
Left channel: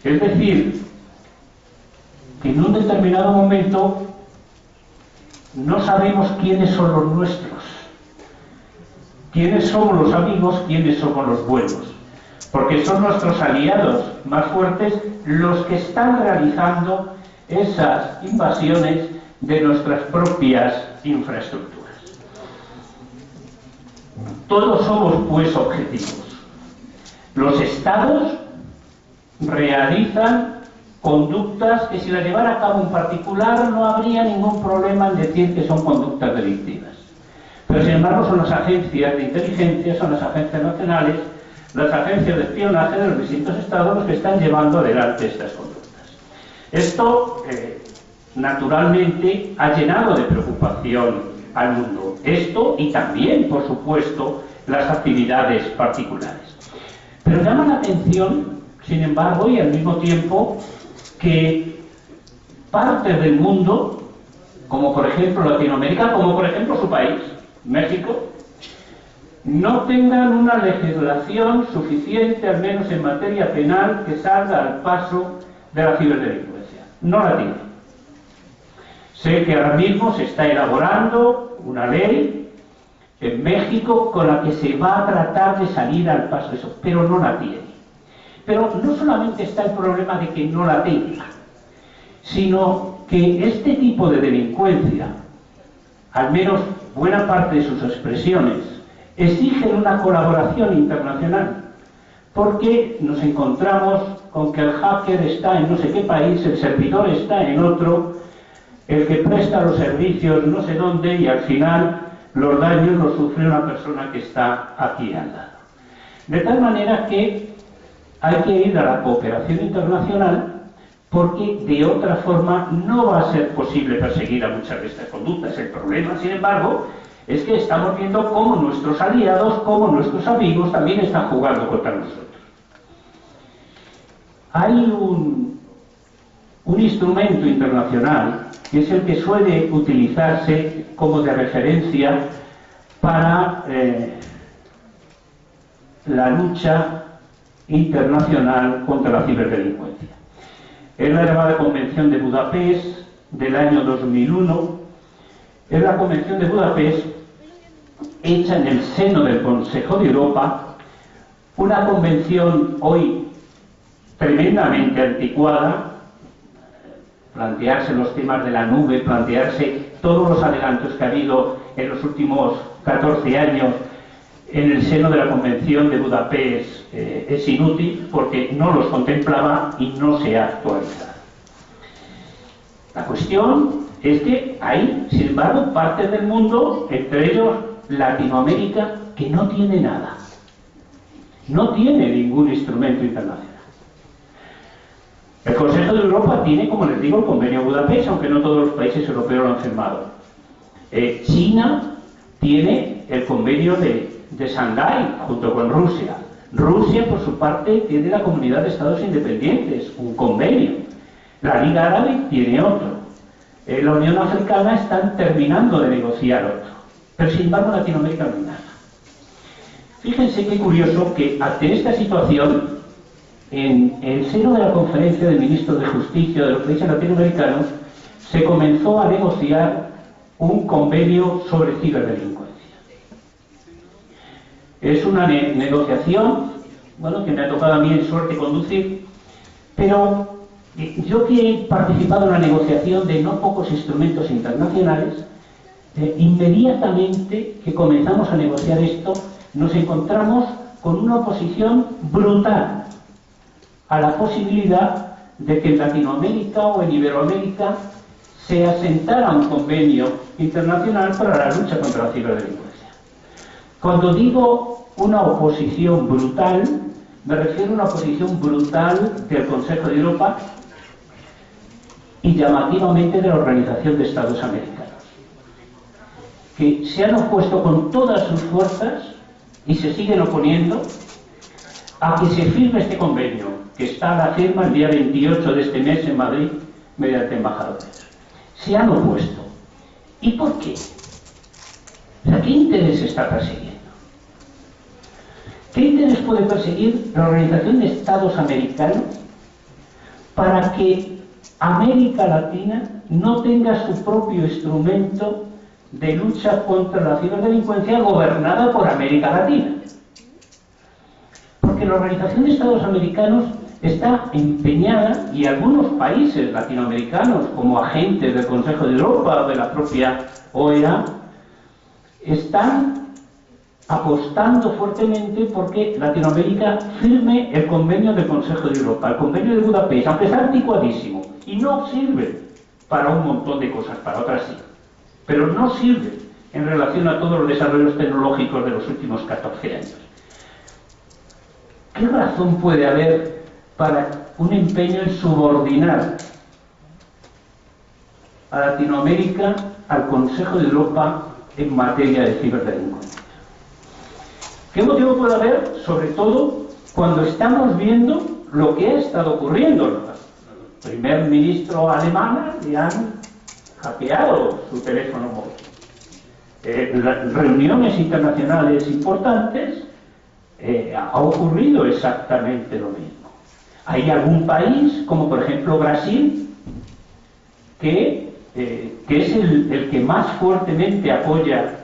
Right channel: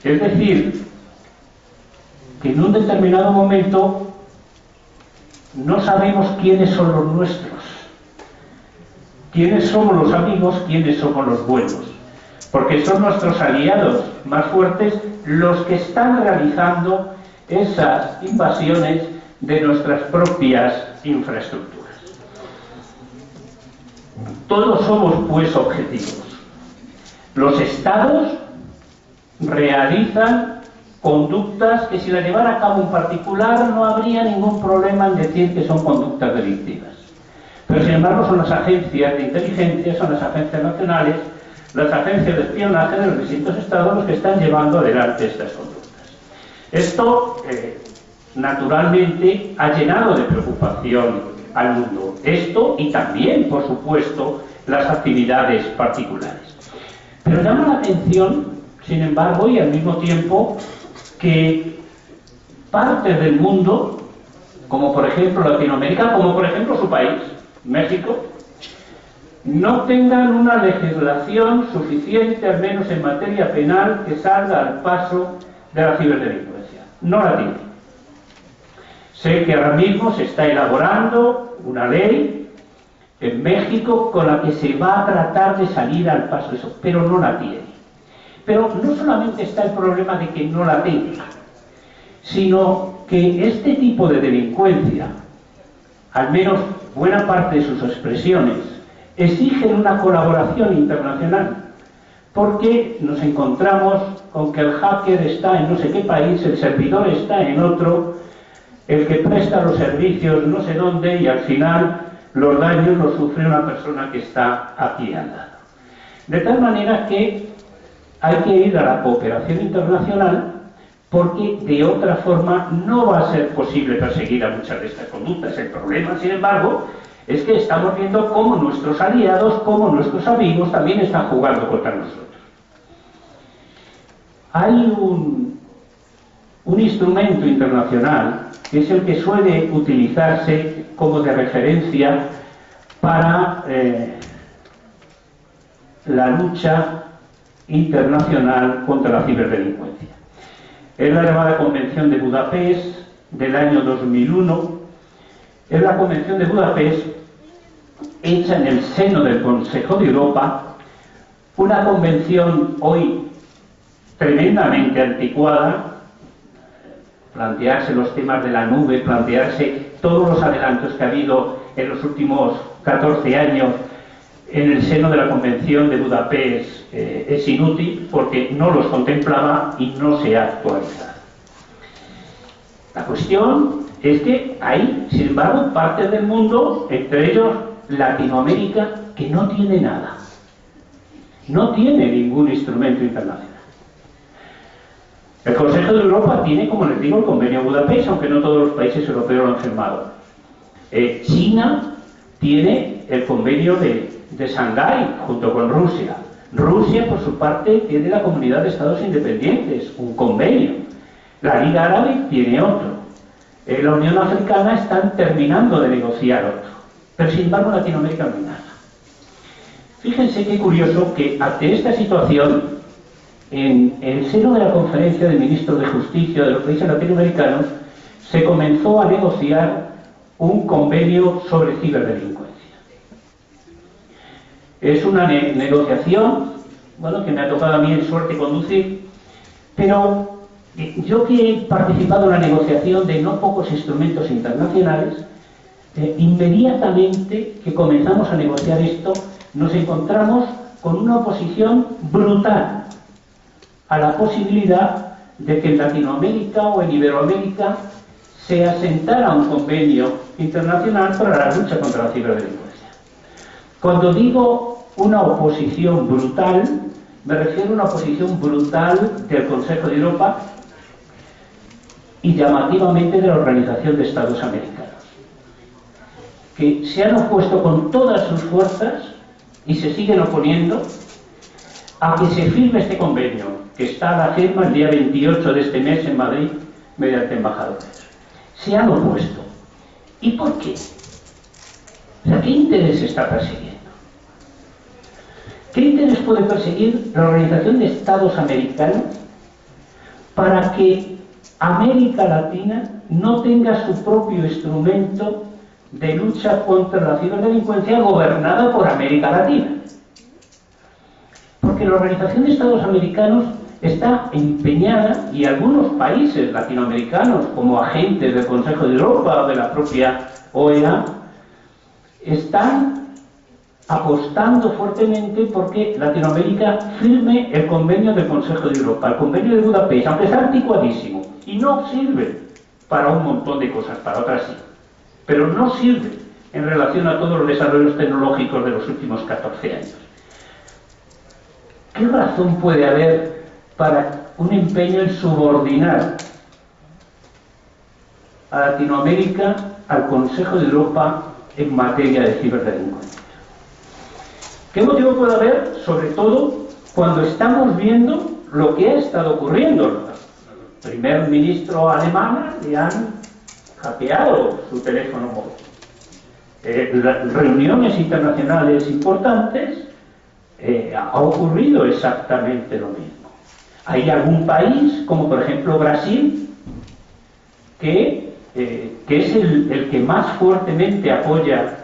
Es decir, que en un determinado momento no sabemos quiénes son los nuestros, quiénes somos los amigos, quiénes somos los buenos, porque son nuestros aliados más fuertes los que están realizando esas invasiones de nuestras propias infraestructuras. Todos somos pues objetivos. Los estados realizan conductas que si las llevara a cabo un particular no habría ningún problema en decir que son conductas delictivas. Pero sin embargo son las agencias de inteligencia, son las agencias nacionales, las agencias de espionaje de los distintos estados los que están llevando adelante estas conductas. Esto, naturalmente, ha llenado de preocupación al mundo. Esto y también, por supuesto, las actividades particulares. Pero llama la atención, sin embargo, y al mismo tiempo, que partes del mundo, como por ejemplo Latinoamérica, como por ejemplo su país, México, no tengan una legislación suficiente, al menos en materia penal, que salga al paso de la ciberdelincuencia. No la tienen. Sé que ahora mismo se está elaborando una ley en México con la que se va a tratar de salir al paso de eso, pero no la tiene. Pero no solamente está el problema de que no la tenga, sino que este tipo de delincuencia, al menos buena parte de sus expresiones, exigen una colaboración internacional, porque nos encontramos con que el hacker está en no sé qué país, el servidor está en otro, el que presta los servicios no sé dónde, y al final los daños los sufre una persona que está aquí al lado. De tal manera que hay que ir a la cooperación internacional, porque de otra forma no va a ser posible perseguir a muchas de estas conductas. El problema, sin embargo, es que estamos viendo cómo nuestros aliados, cómo nuestros amigos también están jugando contra nosotros. Hay un instrumento internacional que es el que suele utilizarse como de referencia para la lucha internacional contra la ciberdelincuencia. Es la llamada Convención de Budapest del año 2001. Es la Convención de Budapest hecha en el seno del Consejo de Europa, una convención hoy tremendamente anticuada. Plantearse los temas de la nube, plantearse todos los adelantos que ha habido en los últimos 14 años en el seno de la Convención de Budapest es inútil, porque no los contemplaba y no se ha actualizado. La cuestión es que hay, sin embargo, partes del mundo, entre ellos Latinoamérica, que no tiene nada. No tiene ningún instrumento internacional. El Consejo de Europa tiene, como les digo, el Convenio de Budapest, aunque no todos los países europeos lo han firmado. China tiene el Convenio de Shanghái, junto con Rusia. Rusia, por su parte, tiene la Comunidad de Estados Independientes, un convenio. La Liga Árabe tiene otro. La Unión Africana están terminando de negociar otro. Pero, sin embargo, en Latinoamérica no hay nada. Fíjense qué curioso que ante esta situación, en el seno de la Conferencia de Ministros de Justicia de los países latinoamericanos, se comenzó a negociar un convenio sobre ciberdelincuencia. Es una negociación, bueno, que me ha tocado a mí en suerte conducir, pero yo que he participado en la negociación de no pocos instrumentos internacionales, inmediatamente que comenzamos a negociar esto, nos encontramos con una oposición brutal a la posibilidad de que en Latinoamérica o en Iberoamérica se asentara un convenio internacional para la lucha contra la ciberdelincuencia. Cuando digo una oposición brutal, me refiero a una oposición brutal del Consejo de Europa y llamativamente de la Organización de Estados Americanos, que se han opuesto con todas sus fuerzas y se siguen oponiendo a que se firme este convenio, que está a la firma el día 28 de este mes en Madrid mediante embajadores. Se han opuesto. ¿Y por qué? O sea, ¿qué interés está persiguiendo? ¿Qué interés puede perseguir la Organización de Estados Americanos para que América Latina no tenga su propio instrumento de lucha contra la ciberdelincuencia gobernada por América Latina? Porque la Organización de Estados Americanos está empeñada, y algunos países latinoamericanos, como agentes del Consejo de Europa o de la propia OEA, están apostando fuertemente porque Latinoamérica firme el convenio del Consejo de Europa, el convenio de Budapest, aunque está anticuadísimo y no sirve para un montón de cosas, para otras sí, pero no sirve en relación a todos los desarrollos tecnológicos de los últimos 14 años. ¿Qué razón puede haber para un empeño en subordinar a Latinoamérica al Consejo de Europa en materia de ciberdelincuencia? ¿Qué motivo puede haber? Sobre todo cuando estamos viendo lo que ha estado ocurriendo. Al primer ministro alemán le han hackeado su teléfono móvil. reuniones internacionales importantes, ha ocurrido exactamente lo mismo. Hay algún país, como por ejemplo Brasil, que es el que más fuertemente apoya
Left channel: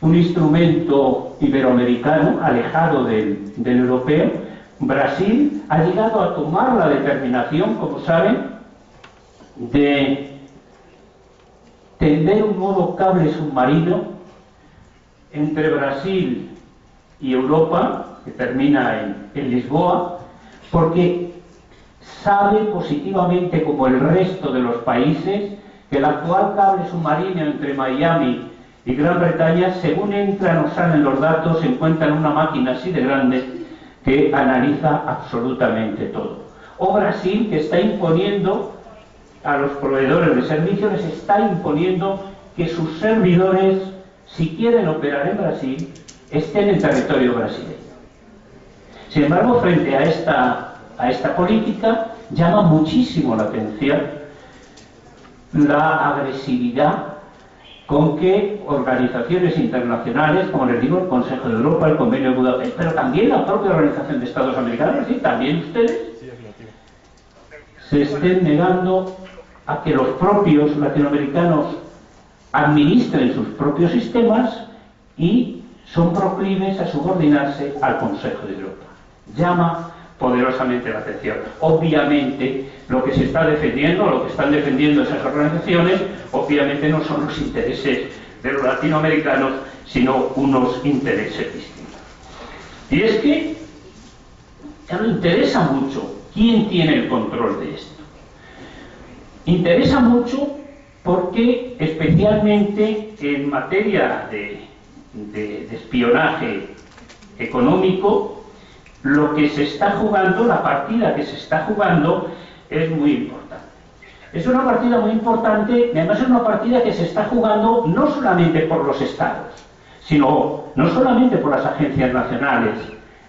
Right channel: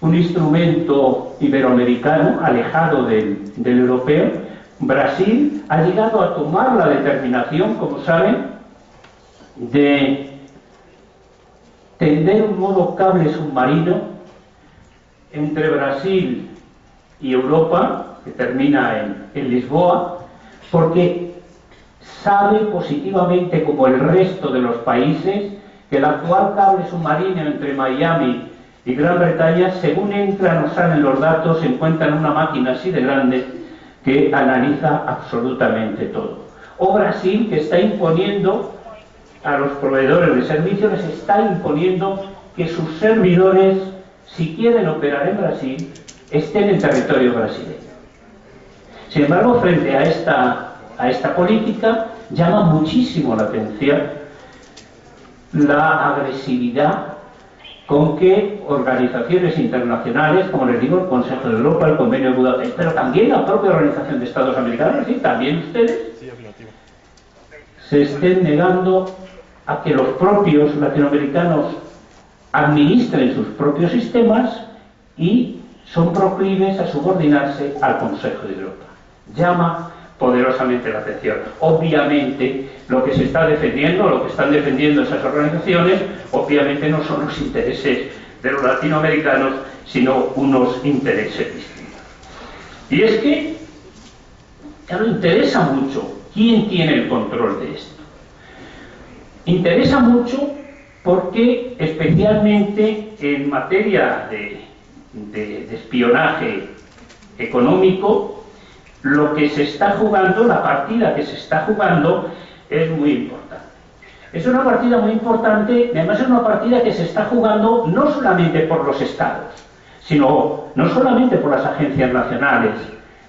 un instrumento iberoamericano alejado del europeo. Brasil ha llegado a tomar la determinación, como saben, de tender un nuevo cable submarino entre Brasil y Europa, que termina en Lisboa, porque sabe positivamente, como el resto de los países, que el actual cable submarino entre Miami y Gran Bretaña, según entran o salen los datos, se encuentra en una máquina así de grande que analiza absolutamente todo. O Brasil, que está imponiendo a los proveedores de servicios, les está imponiendo que sus servidores, si quieren operar en Brasil, estén en territorio brasileño. Sin embargo, frente a esta política, llama muchísimo la atención la agresividad con que organizaciones internacionales, como les digo, el Consejo de Europa, el Convenio de Budapest, pero también la propia Organización de Estados Americanos, y también ustedes, se estén negando a que los propios latinoamericanos administren sus propios sistemas y son proclives a subordinarse al Consejo de Europa. Llama poderosamente la atención. Obviamente, lo que se está defendiendo, lo que están defendiendo esas organizaciones, obviamente no son los intereses de los latinoamericanos, sino unos intereses distintos. Y es que, claro, interesa mucho quién tiene el control de esto. Interesa mucho porque, especialmente en materia de espionaje económico, lo que se está jugando, la partida que se está jugando, es muy importante. Es una partida muy importante, además es una partida que se está jugando no solamente por los estados, sino no solamente por las agencias nacionales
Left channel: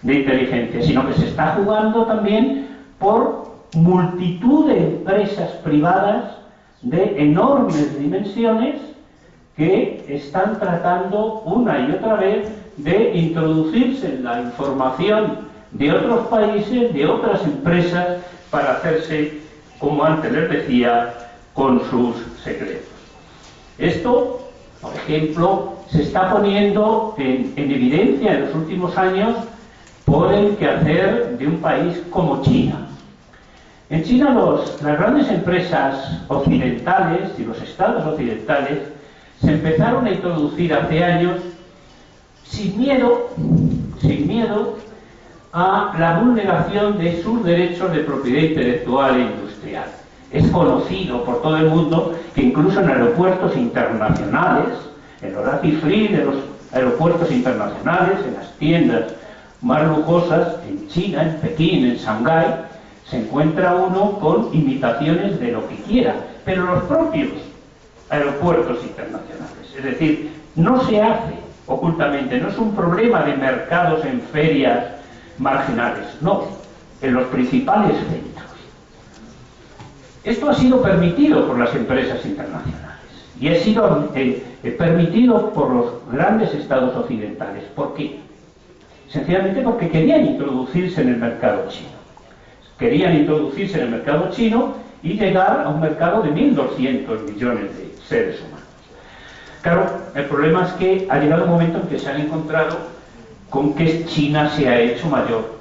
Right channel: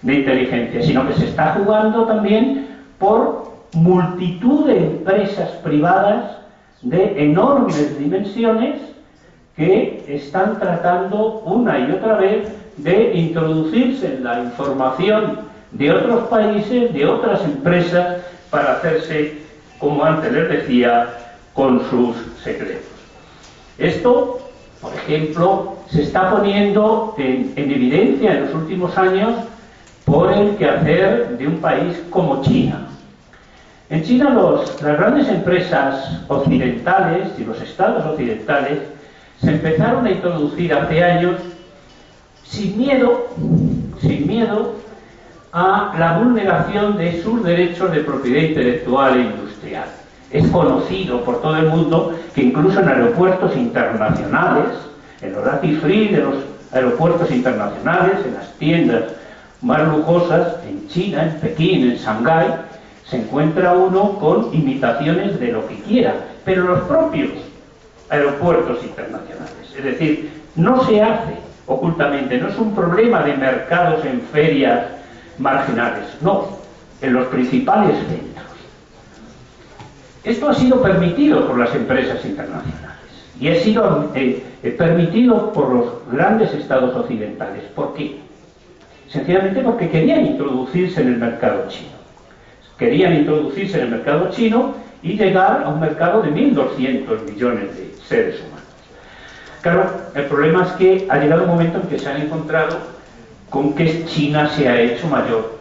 de inteligencia, sino que se está jugando también por multitud de empresas privadas de enormes dimensiones que están tratando una y otra vez de introducirse en la información de otros países, de otras empresas, para hacerse, como antes les decía, con sus secretos. Esto, por ejemplo, se está poniendo en evidencia en los últimos años por el quehacer de un país como China. En China las grandes empresas occidentales y los estados occidentales se empezaron a introducir hace años sin miedo a la vulneración de sus derechos de propiedad intelectual e industrial. Es conocido por todo el mundo que incluso en aeropuertos internacionales, en los duty free de los aeropuertos internacionales, en las tiendas más lujosas, en China, en Pekín, en Shanghái, se encuentra uno con imitaciones de lo que quiera, pero los propios aeropuertos internacionales. Es decir, no se hace ocultamente, no es un problema de mercados en ferias marginales, no, en los principales centros. Esto ha sido permitido por las empresas internacionales y ha sido permitido por los grandes estados occidentales. ¿Por qué? Sencillamente porque querían introducirse en el mercado chino. Querían introducirse en el mercado chino y llegar a un mercado de 1.200 millones de seres humanos. Claro, el problema es que ha llegado un momento en que se han encontrado con que China se ha hecho mayor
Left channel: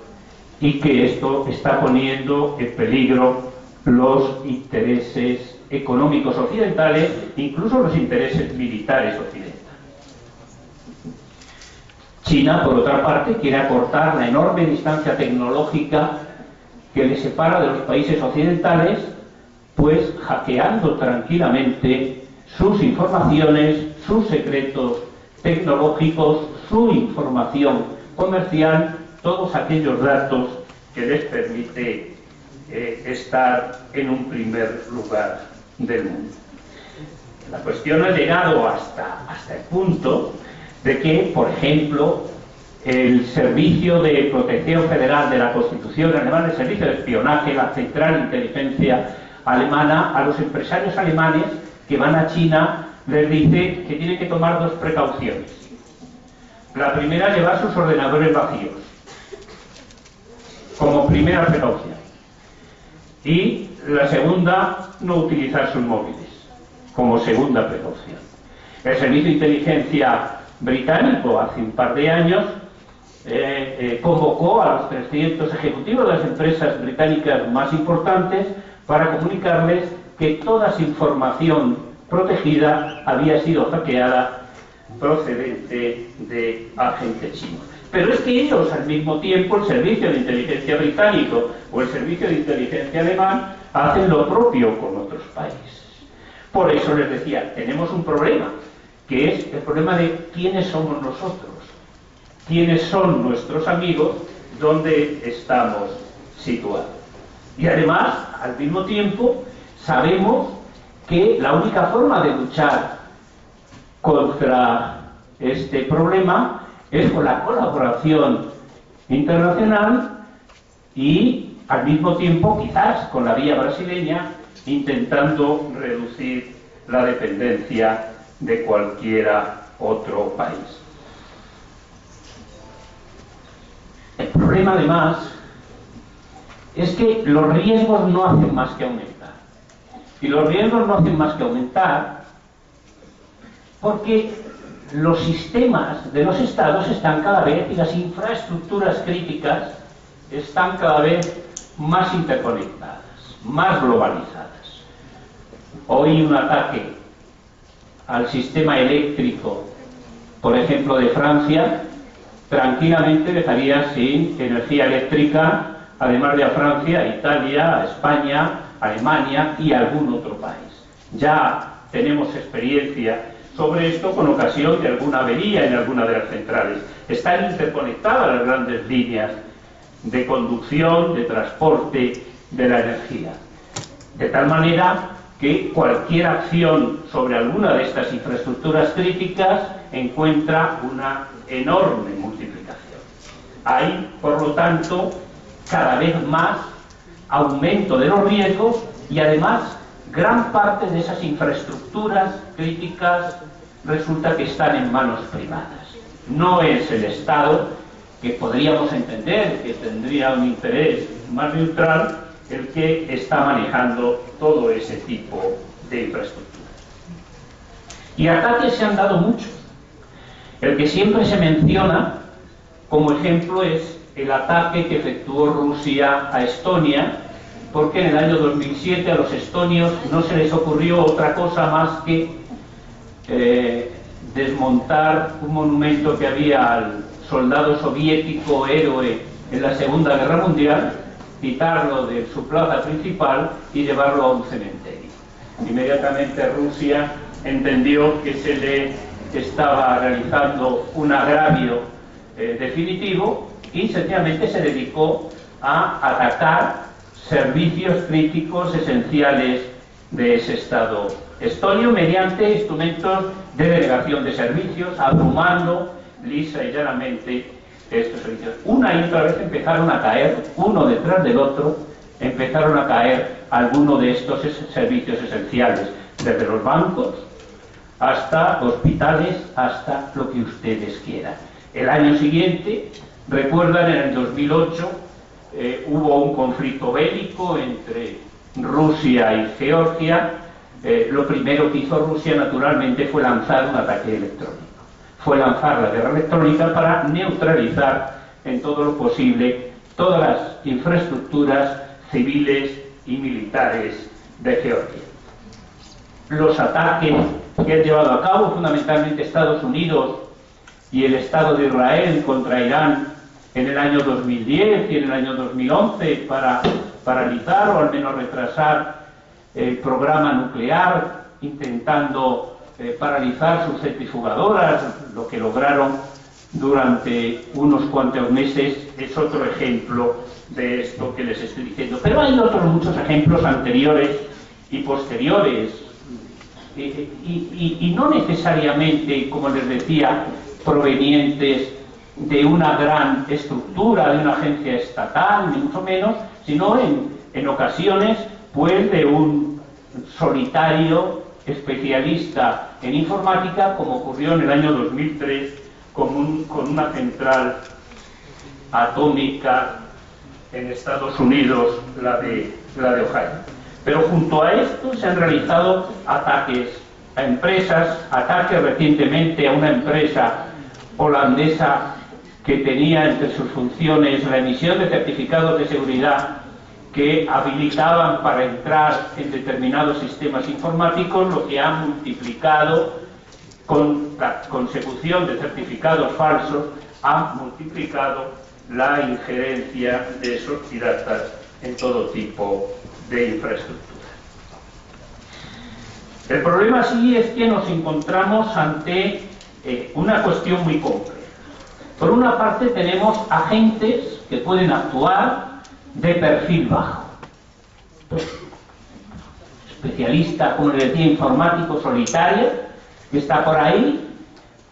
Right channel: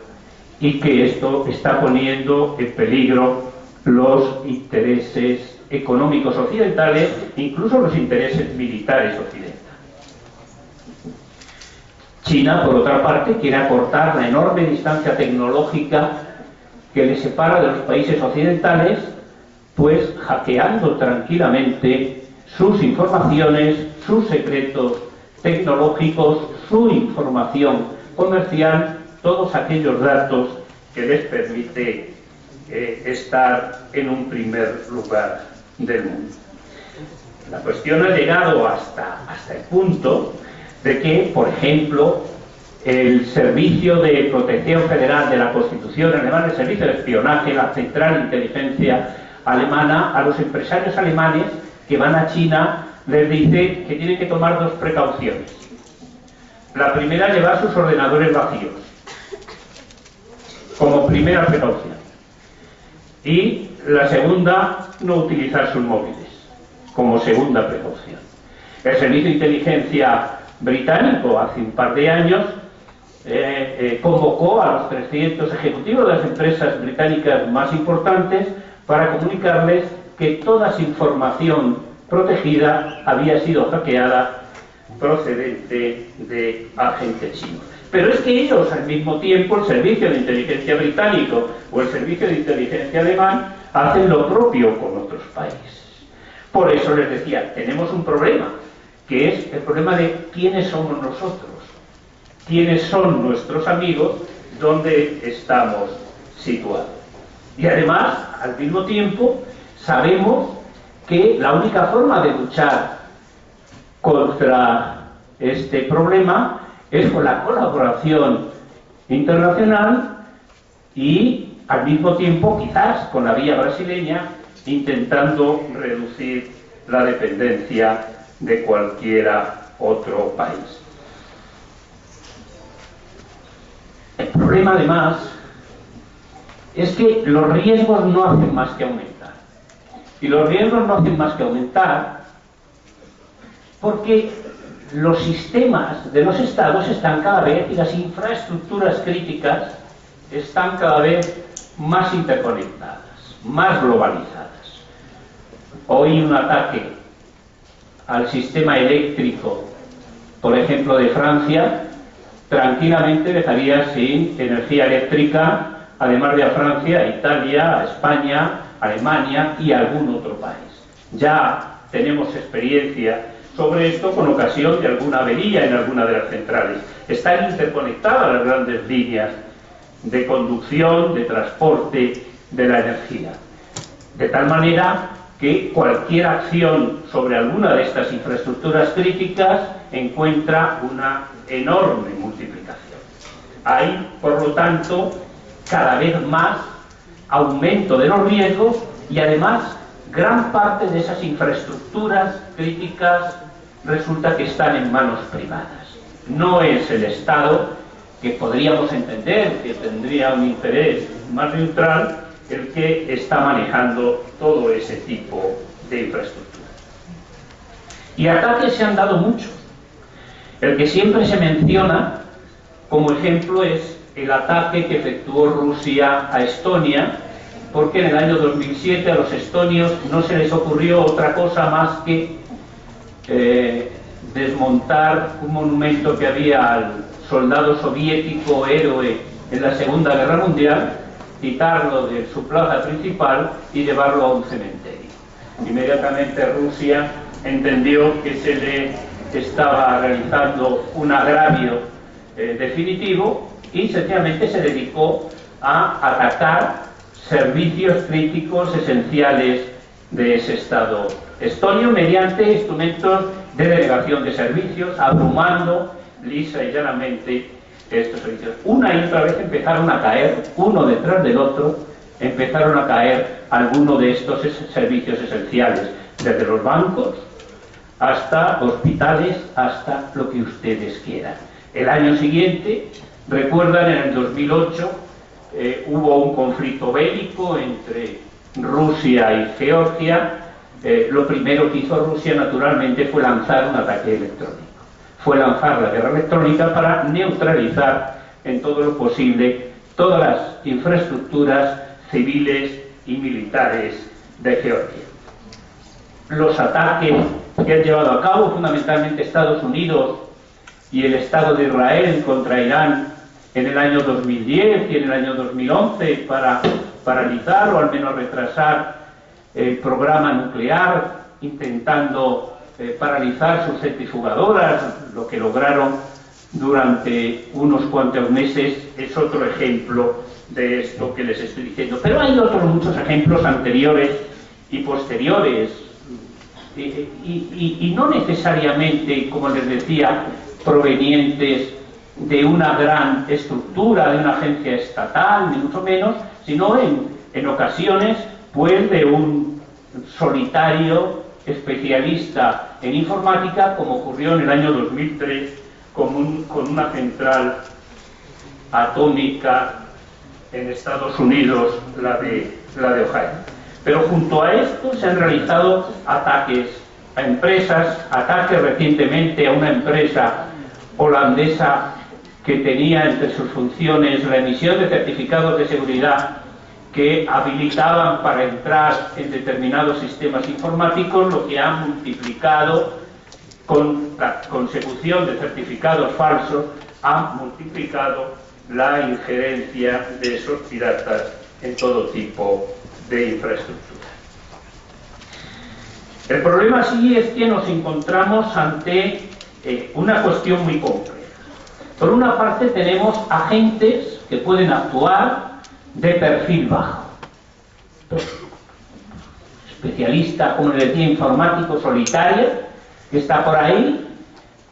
y que esto está poniendo en peligro los intereses económicos occidentales, incluso los intereses militares occidentales. China, por otra parte, quiere acortar la enorme distancia tecnológica que le separa de los países occidentales, pues hackeando tranquilamente sus informaciones, sus secretos tecnológicos, su información comercial, todos aquellos datos que les permite estar en un primer lugar del mundo. La cuestión ha llegado hasta el punto de que, por ejemplo, el Servicio de Protección Federal de la Constitución alemana, el Servicio de Espionaje, la Central de Inteligencia alemana, a los empresarios alemanes que van a China les dice que tienen que tomar dos precauciones. La primera, llevar sus ordenadores vacíos, como primera precaución. Y la segunda, no utilizar sus móviles, como segunda precaución. El Servicio de Inteligencia británico, hace un par de años, convocó a los 300 ejecutivos de las empresas británicas más importantes para comunicarles que toda su información protegida había sido hackeada procedente de agentes chinos. Pero es que ellos, al mismo tiempo, el Servicio de Inteligencia británico o el Servicio de Inteligencia alemán, hacen lo propio con otros países. Por eso les decía, tenemos un problema, que es el problema de quiénes somos nosotros, quiénes son nuestros amigos, dónde estamos situados. Y además, al mismo tiempo, sabemos que la única forma de luchar contra este problema es con la colaboración internacional y, al mismo tiempo, quizás con la vía brasileña, intentando reducir la dependencia de cualquiera otro país. El problema, además, es que los riesgos no hacen más que aumentar. Y los riesgos no hacen más que aumentar porque los sistemas de los estados están cada vez, y las infraestructuras críticas están cada vez más interconectadas, más globalizadas. Hoy un ataque al sistema eléctrico, por ejemplo, de Francia, tranquilamente dejaría sin energía eléctrica, además de a Francia, a Italia, a España, a Alemania y a algún otro país. Ya tenemos experiencia sobre esto con ocasión de alguna avería en alguna de las centrales. Están interconectadas las grandes líneas de conducción, de transporte de la energía. De tal manera que cualquier acción sobre alguna de estas infraestructuras críticas encuentra una enorme multiplicación. Hay, por lo tanto, cada vez más aumento de los riesgos y además gran parte de esas infraestructuras críticas resulta que están en manos privadas. No es el Estado, que podríamos entender que tendría un interés más neutral, el que está manejando todo ese tipo de infraestructuras. Y ataques se han dado muchos. El que siempre se menciona como ejemplo es el ataque que efectuó Rusia a Estonia, porque en el año 2007 a los estonios no se les ocurrió otra cosa más que desmontar un monumento que había al soldado soviético héroe en la Segunda Guerra Mundial, quitarlo de su plaza principal y llevarlo a un cementerio. Inmediatamente Rusia entendió que se le estaba realizando un agravio definitivo y sencillamente se dedicó a atacar servicios críticos esenciales de ese Estado estonio mediante instrumentos de delegación de servicios, abrumando lisa y llanamente estos servicios. Una y otra vez empezaron a caer, uno detrás del otro, empezaron a caer algunos de estos servicios esenciales, desde los bancos hasta hospitales, hasta lo que ustedes quieran. El año siguiente, recuerdan, en el 2008, hubo un conflicto bélico entre Rusia y Georgia. Lo primero que hizo Rusia, naturalmente, fue lanzar un ataque electrónico. Fue lanzar la guerra electrónica para neutralizar en todo lo posible todas las infraestructuras civiles y militares de Georgia. Los ataques que han llevado a cabo fundamentalmente Estados Unidos y el Estado de Israel contra Irán en el año 2010 y en el año 2011 para paralizar o al menos retrasar el programa nuclear, intentando paralizar sus centrifugadoras, lo que lograron durante unos cuantos meses, es otro ejemplo de esto que les estoy diciendo. Pero hay otros muchos ejemplos anteriores y posteriores, y no necesariamente, como les decía, provenientes de una gran estructura, de una agencia estatal, ni mucho menos, sino en ocasiones pues de un solitario especialista en informática, como ocurrió en el año 2003 con una central atómica en Estados Unidos, la de Ohio. Pero junto a esto se han realizado ataques a empresas, ataques recientemente a una empresa holandesa que tenía entre sus funciones la emisión de certificados de seguridad que habilitaban para entrar en determinados sistemas informáticos, lo que ha multiplicado, con la consecución de certificados falsos, ha multiplicado la injerencia de esos piratas en todo tipo de infraestructuras. El problema sí es que nos encontramos ante una cuestión muy compleja. Por una parte tenemos agentes que pueden actuar de perfil bajo. Especialista, como le decía, informático solitario, que está por ahí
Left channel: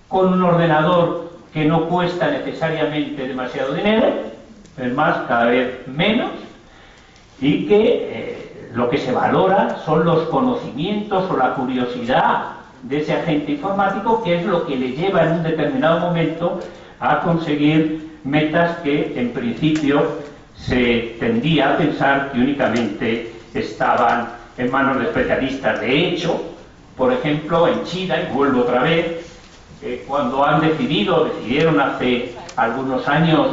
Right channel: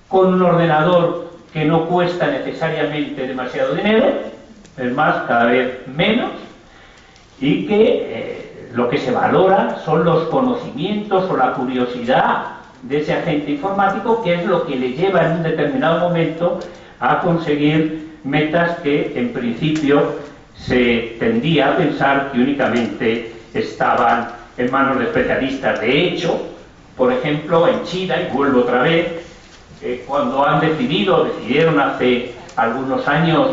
con un ordenador que no cuesta necesariamente demasiado dinero, es más, cada vez menos, y que lo que se valora son los conocimientos o la curiosidad de ese agente informático, que es lo que le lleva en un determinado momento a conseguir metas que en principio se tendía a pensar que únicamente estaban en manos de especialistas. De hecho, por ejemplo, en China, y vuelvo otra vez, cuando decidieron hace algunos años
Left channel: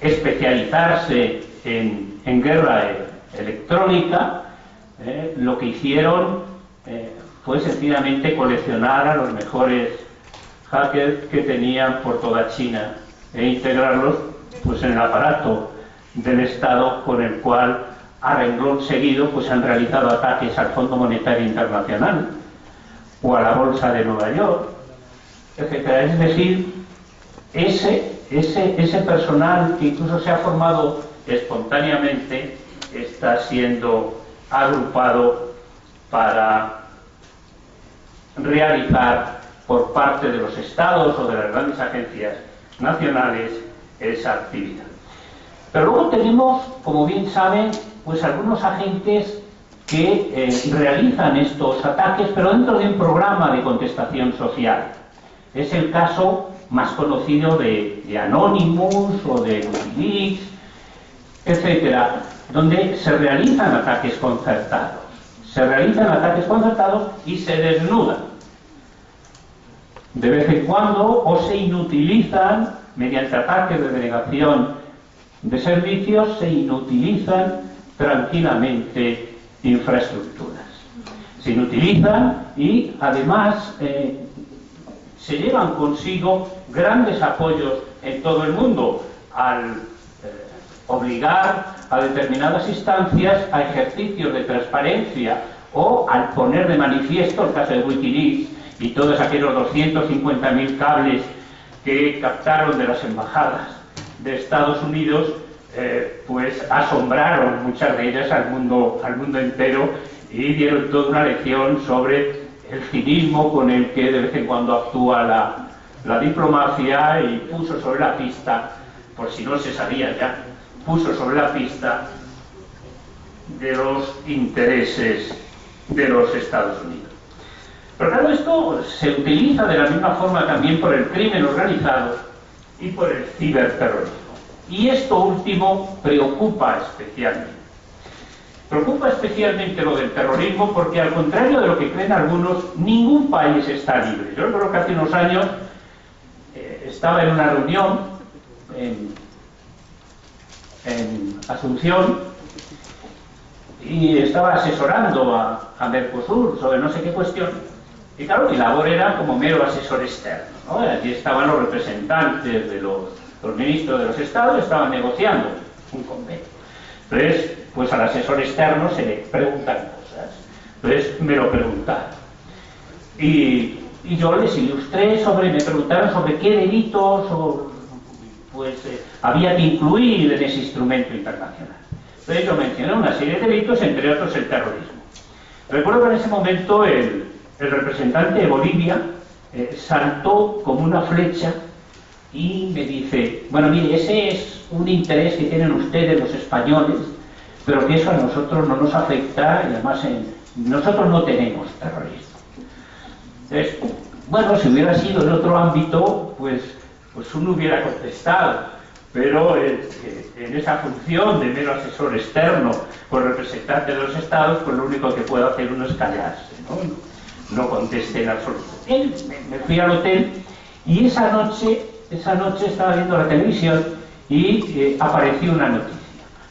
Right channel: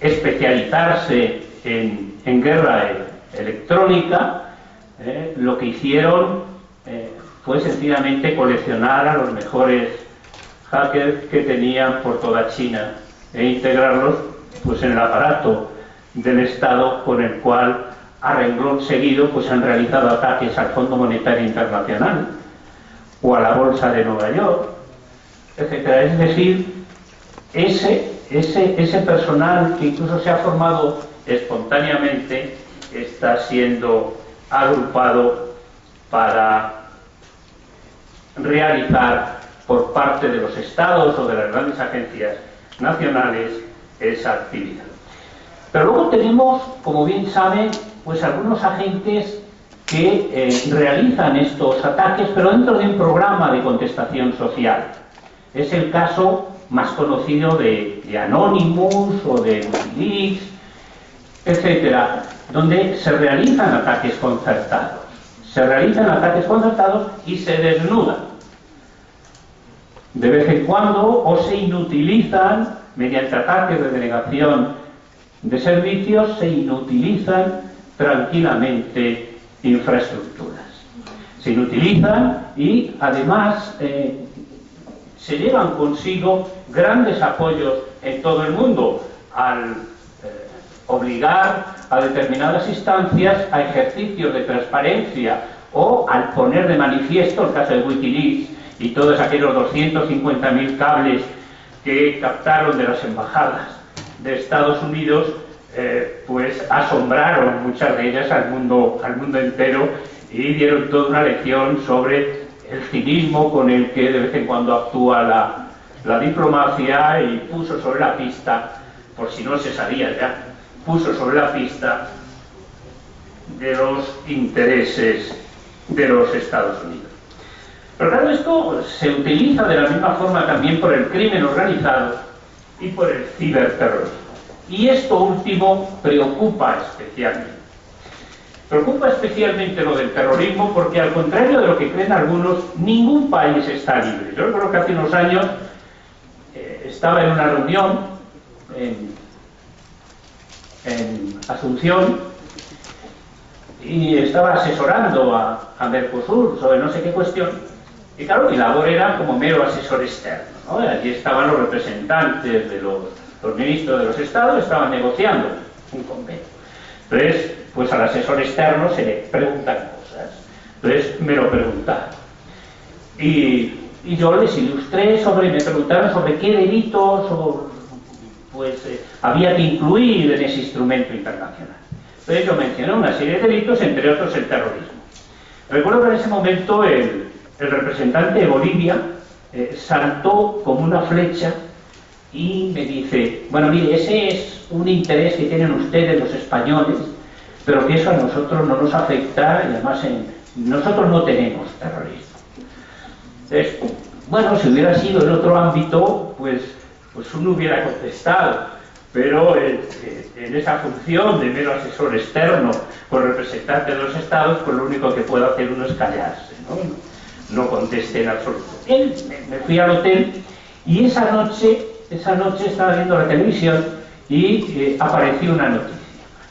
especializarse en guerra electrónica, lo que hicieron fue sencillamente coleccionar a los mejores hackers que tenían por toda China e integrarlos pues en el aparato del Estado, con el cual a renglón seguido pues han realizado ataques al Fondo Monetario Internacional o a la Bolsa de Nueva York, etcétera. Es decir, ese personal que incluso se ha formado espontáneamente está siendo agrupado para realizar por parte de los estados o de las grandes agencias nacionales esa actividad. Pero luego tenemos, como bien saben, pues algunos agentes que realizan estos ataques, pero dentro de un programa de contestación social. Es el caso más conocido de Anonymous o de Wikileaks, etcétera, donde se realizan ataques concertados. Se realizan ataques concertados y se desnudan. De vez en cuando, o se inutilizan, mediante ataques de denegación de servicios, se inutilizan tranquilamente infraestructuras. Se inutilizan y, además, se llevan consigo grandes apoyos en todo el mundo al obligar a determinadas instancias a ejercicios de transparencia o al poner de manifiesto, el caso de Wikileaks y todos aquellos 250.000 cables que captaron de las embajadas de Estados Unidos, pues asombraron muchas de ellas al mundo entero y dieron toda una lección sobre el cinismo con el que de vez en cuando actúa la diplomacia, y puso sobre la pista, por si no se sabía ya, puso sobre la pista de los intereses de los Estados Unidos. Pero claro, esto se utiliza de la misma forma también por el crimen organizado y por el ciberterrorismo. Y esto último preocupa especialmente. Preocupa especialmente lo del terrorismo porque, al contrario de lo que creen algunos, ningún país está libre. Yo creo que hace unos años estaba en una reunión en Asunción y estaba asesorando a Mercosur sobre no sé qué cuestión. Y claro, mi labor era como mero asesor externo, ¿no? Allí estaban los representantes de los ministros de los estados, estaban negociando un convenio. Entonces, pues al asesor externo se le preguntan cosas. Entonces me lo preguntaron. Y yo les ilustré me preguntaron sobre qué delitos había que incluir en ese instrumento internacional. Entonces yo mencioné una serie de delitos, entre otros el terrorismo. Recuerdo que en ese momento el representante de Bolivia saltó como una flecha y me dice: bueno, mire, ese es un interés que tienen ustedes los españoles, pero que eso a nosotros no nos afecta, y además nosotros no tenemos terrorismo. Entonces, bueno, si hubiera sido en otro ámbito, pues uno hubiera contestado, pero en esa función de mero asesor externo con representante de los estados, pues lo único que puede hacer uno es callarse, no conteste en absoluto. Me fui al hotel y esa noche estaba viendo la televisión y apareció una noticia.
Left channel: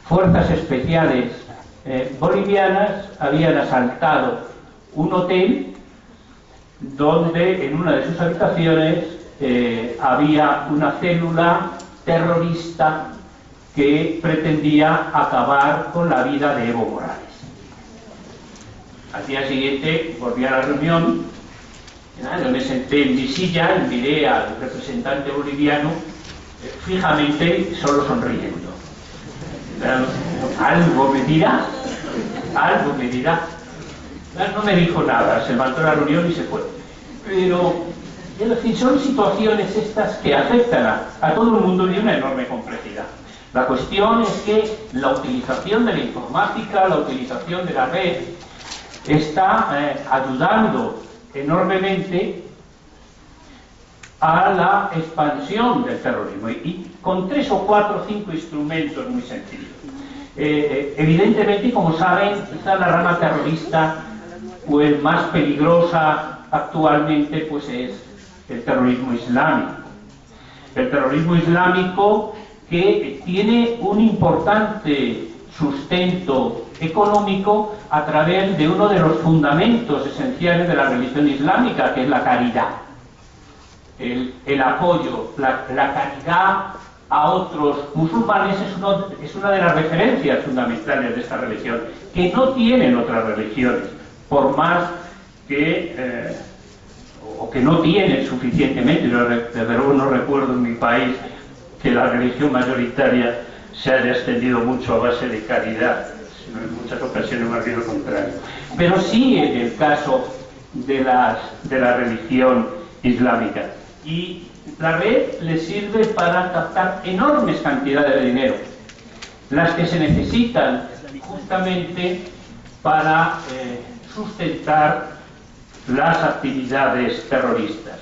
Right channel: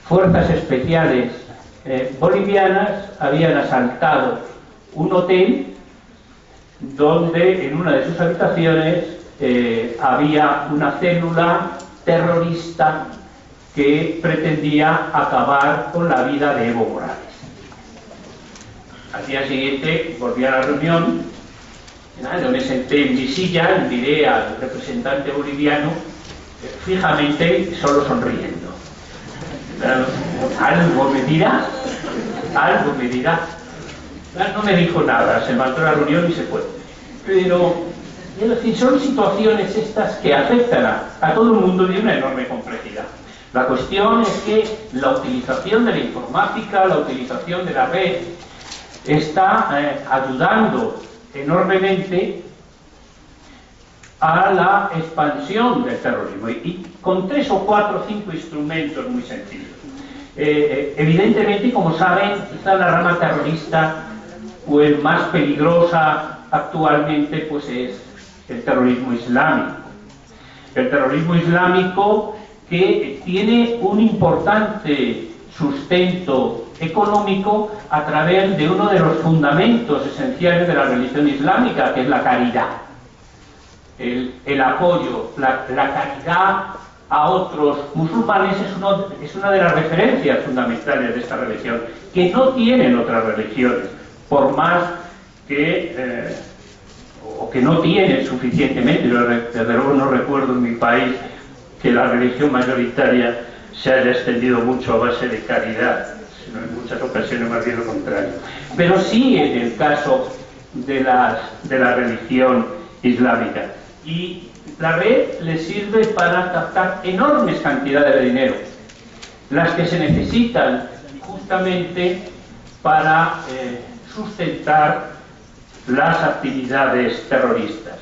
Fuerzas especiales bolivianas habían asaltado un hotel donde en una de sus habitaciones había una célula terrorista que pretendía acabar con la vida de Evo Morales. Al día siguiente volví a la reunión, yo me senté en mi silla y miré al representante boliviano fijamente, solo sonriendo. Algo me dirá. No me dijo nada, se levantó la reunión y se fue. Pero, es decir, son situaciones estas que afectan a todo el mundo de una enorme complejidad. La cuestión es que la utilización de la informática, la utilización de la red, está ayudando enormemente a la expansión del terrorismo y con 3 o 4 o 5 instrumentos muy sencillos. Evidentemente, como saben, quizá la rama terrorista pues más peligrosa actualmente pues es el terrorismo islámico. El terrorismo islámico que tiene un importante sustento económico a través de uno de los fundamentos esenciales de la religión islámica, que es la caridad. El apoyo, la caridad a otros musulmanes es una de las referencias fundamentales de esta religión, que no tienen otras religiones, por más que o que no tienen suficientemente. Yo desde luego no recuerdo en mi país que la religión mayoritaria se haya extendido mucho a base de caridad, sino en muchas ocasiones más bien lo contrario. Pero sí en el caso de la religión islámica. Y la red le sirve para captar enormes cantidades de dinero, las que se necesitan justamente para sustentar las actividades terroristas.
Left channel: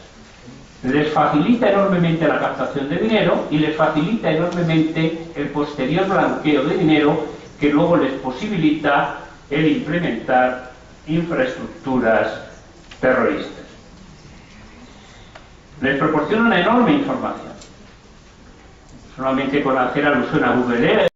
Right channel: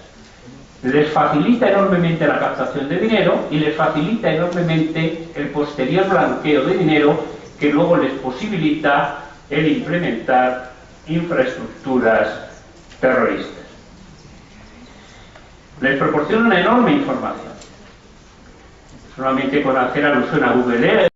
Les facilita enormemente la captación de dinero y les facilita enormemente el posterior blanqueo de dinero, que luego les posibilita el implementar infraestructuras terroristas. Les proporciona una enorme información. Solamente con hacer alusión a Google Earth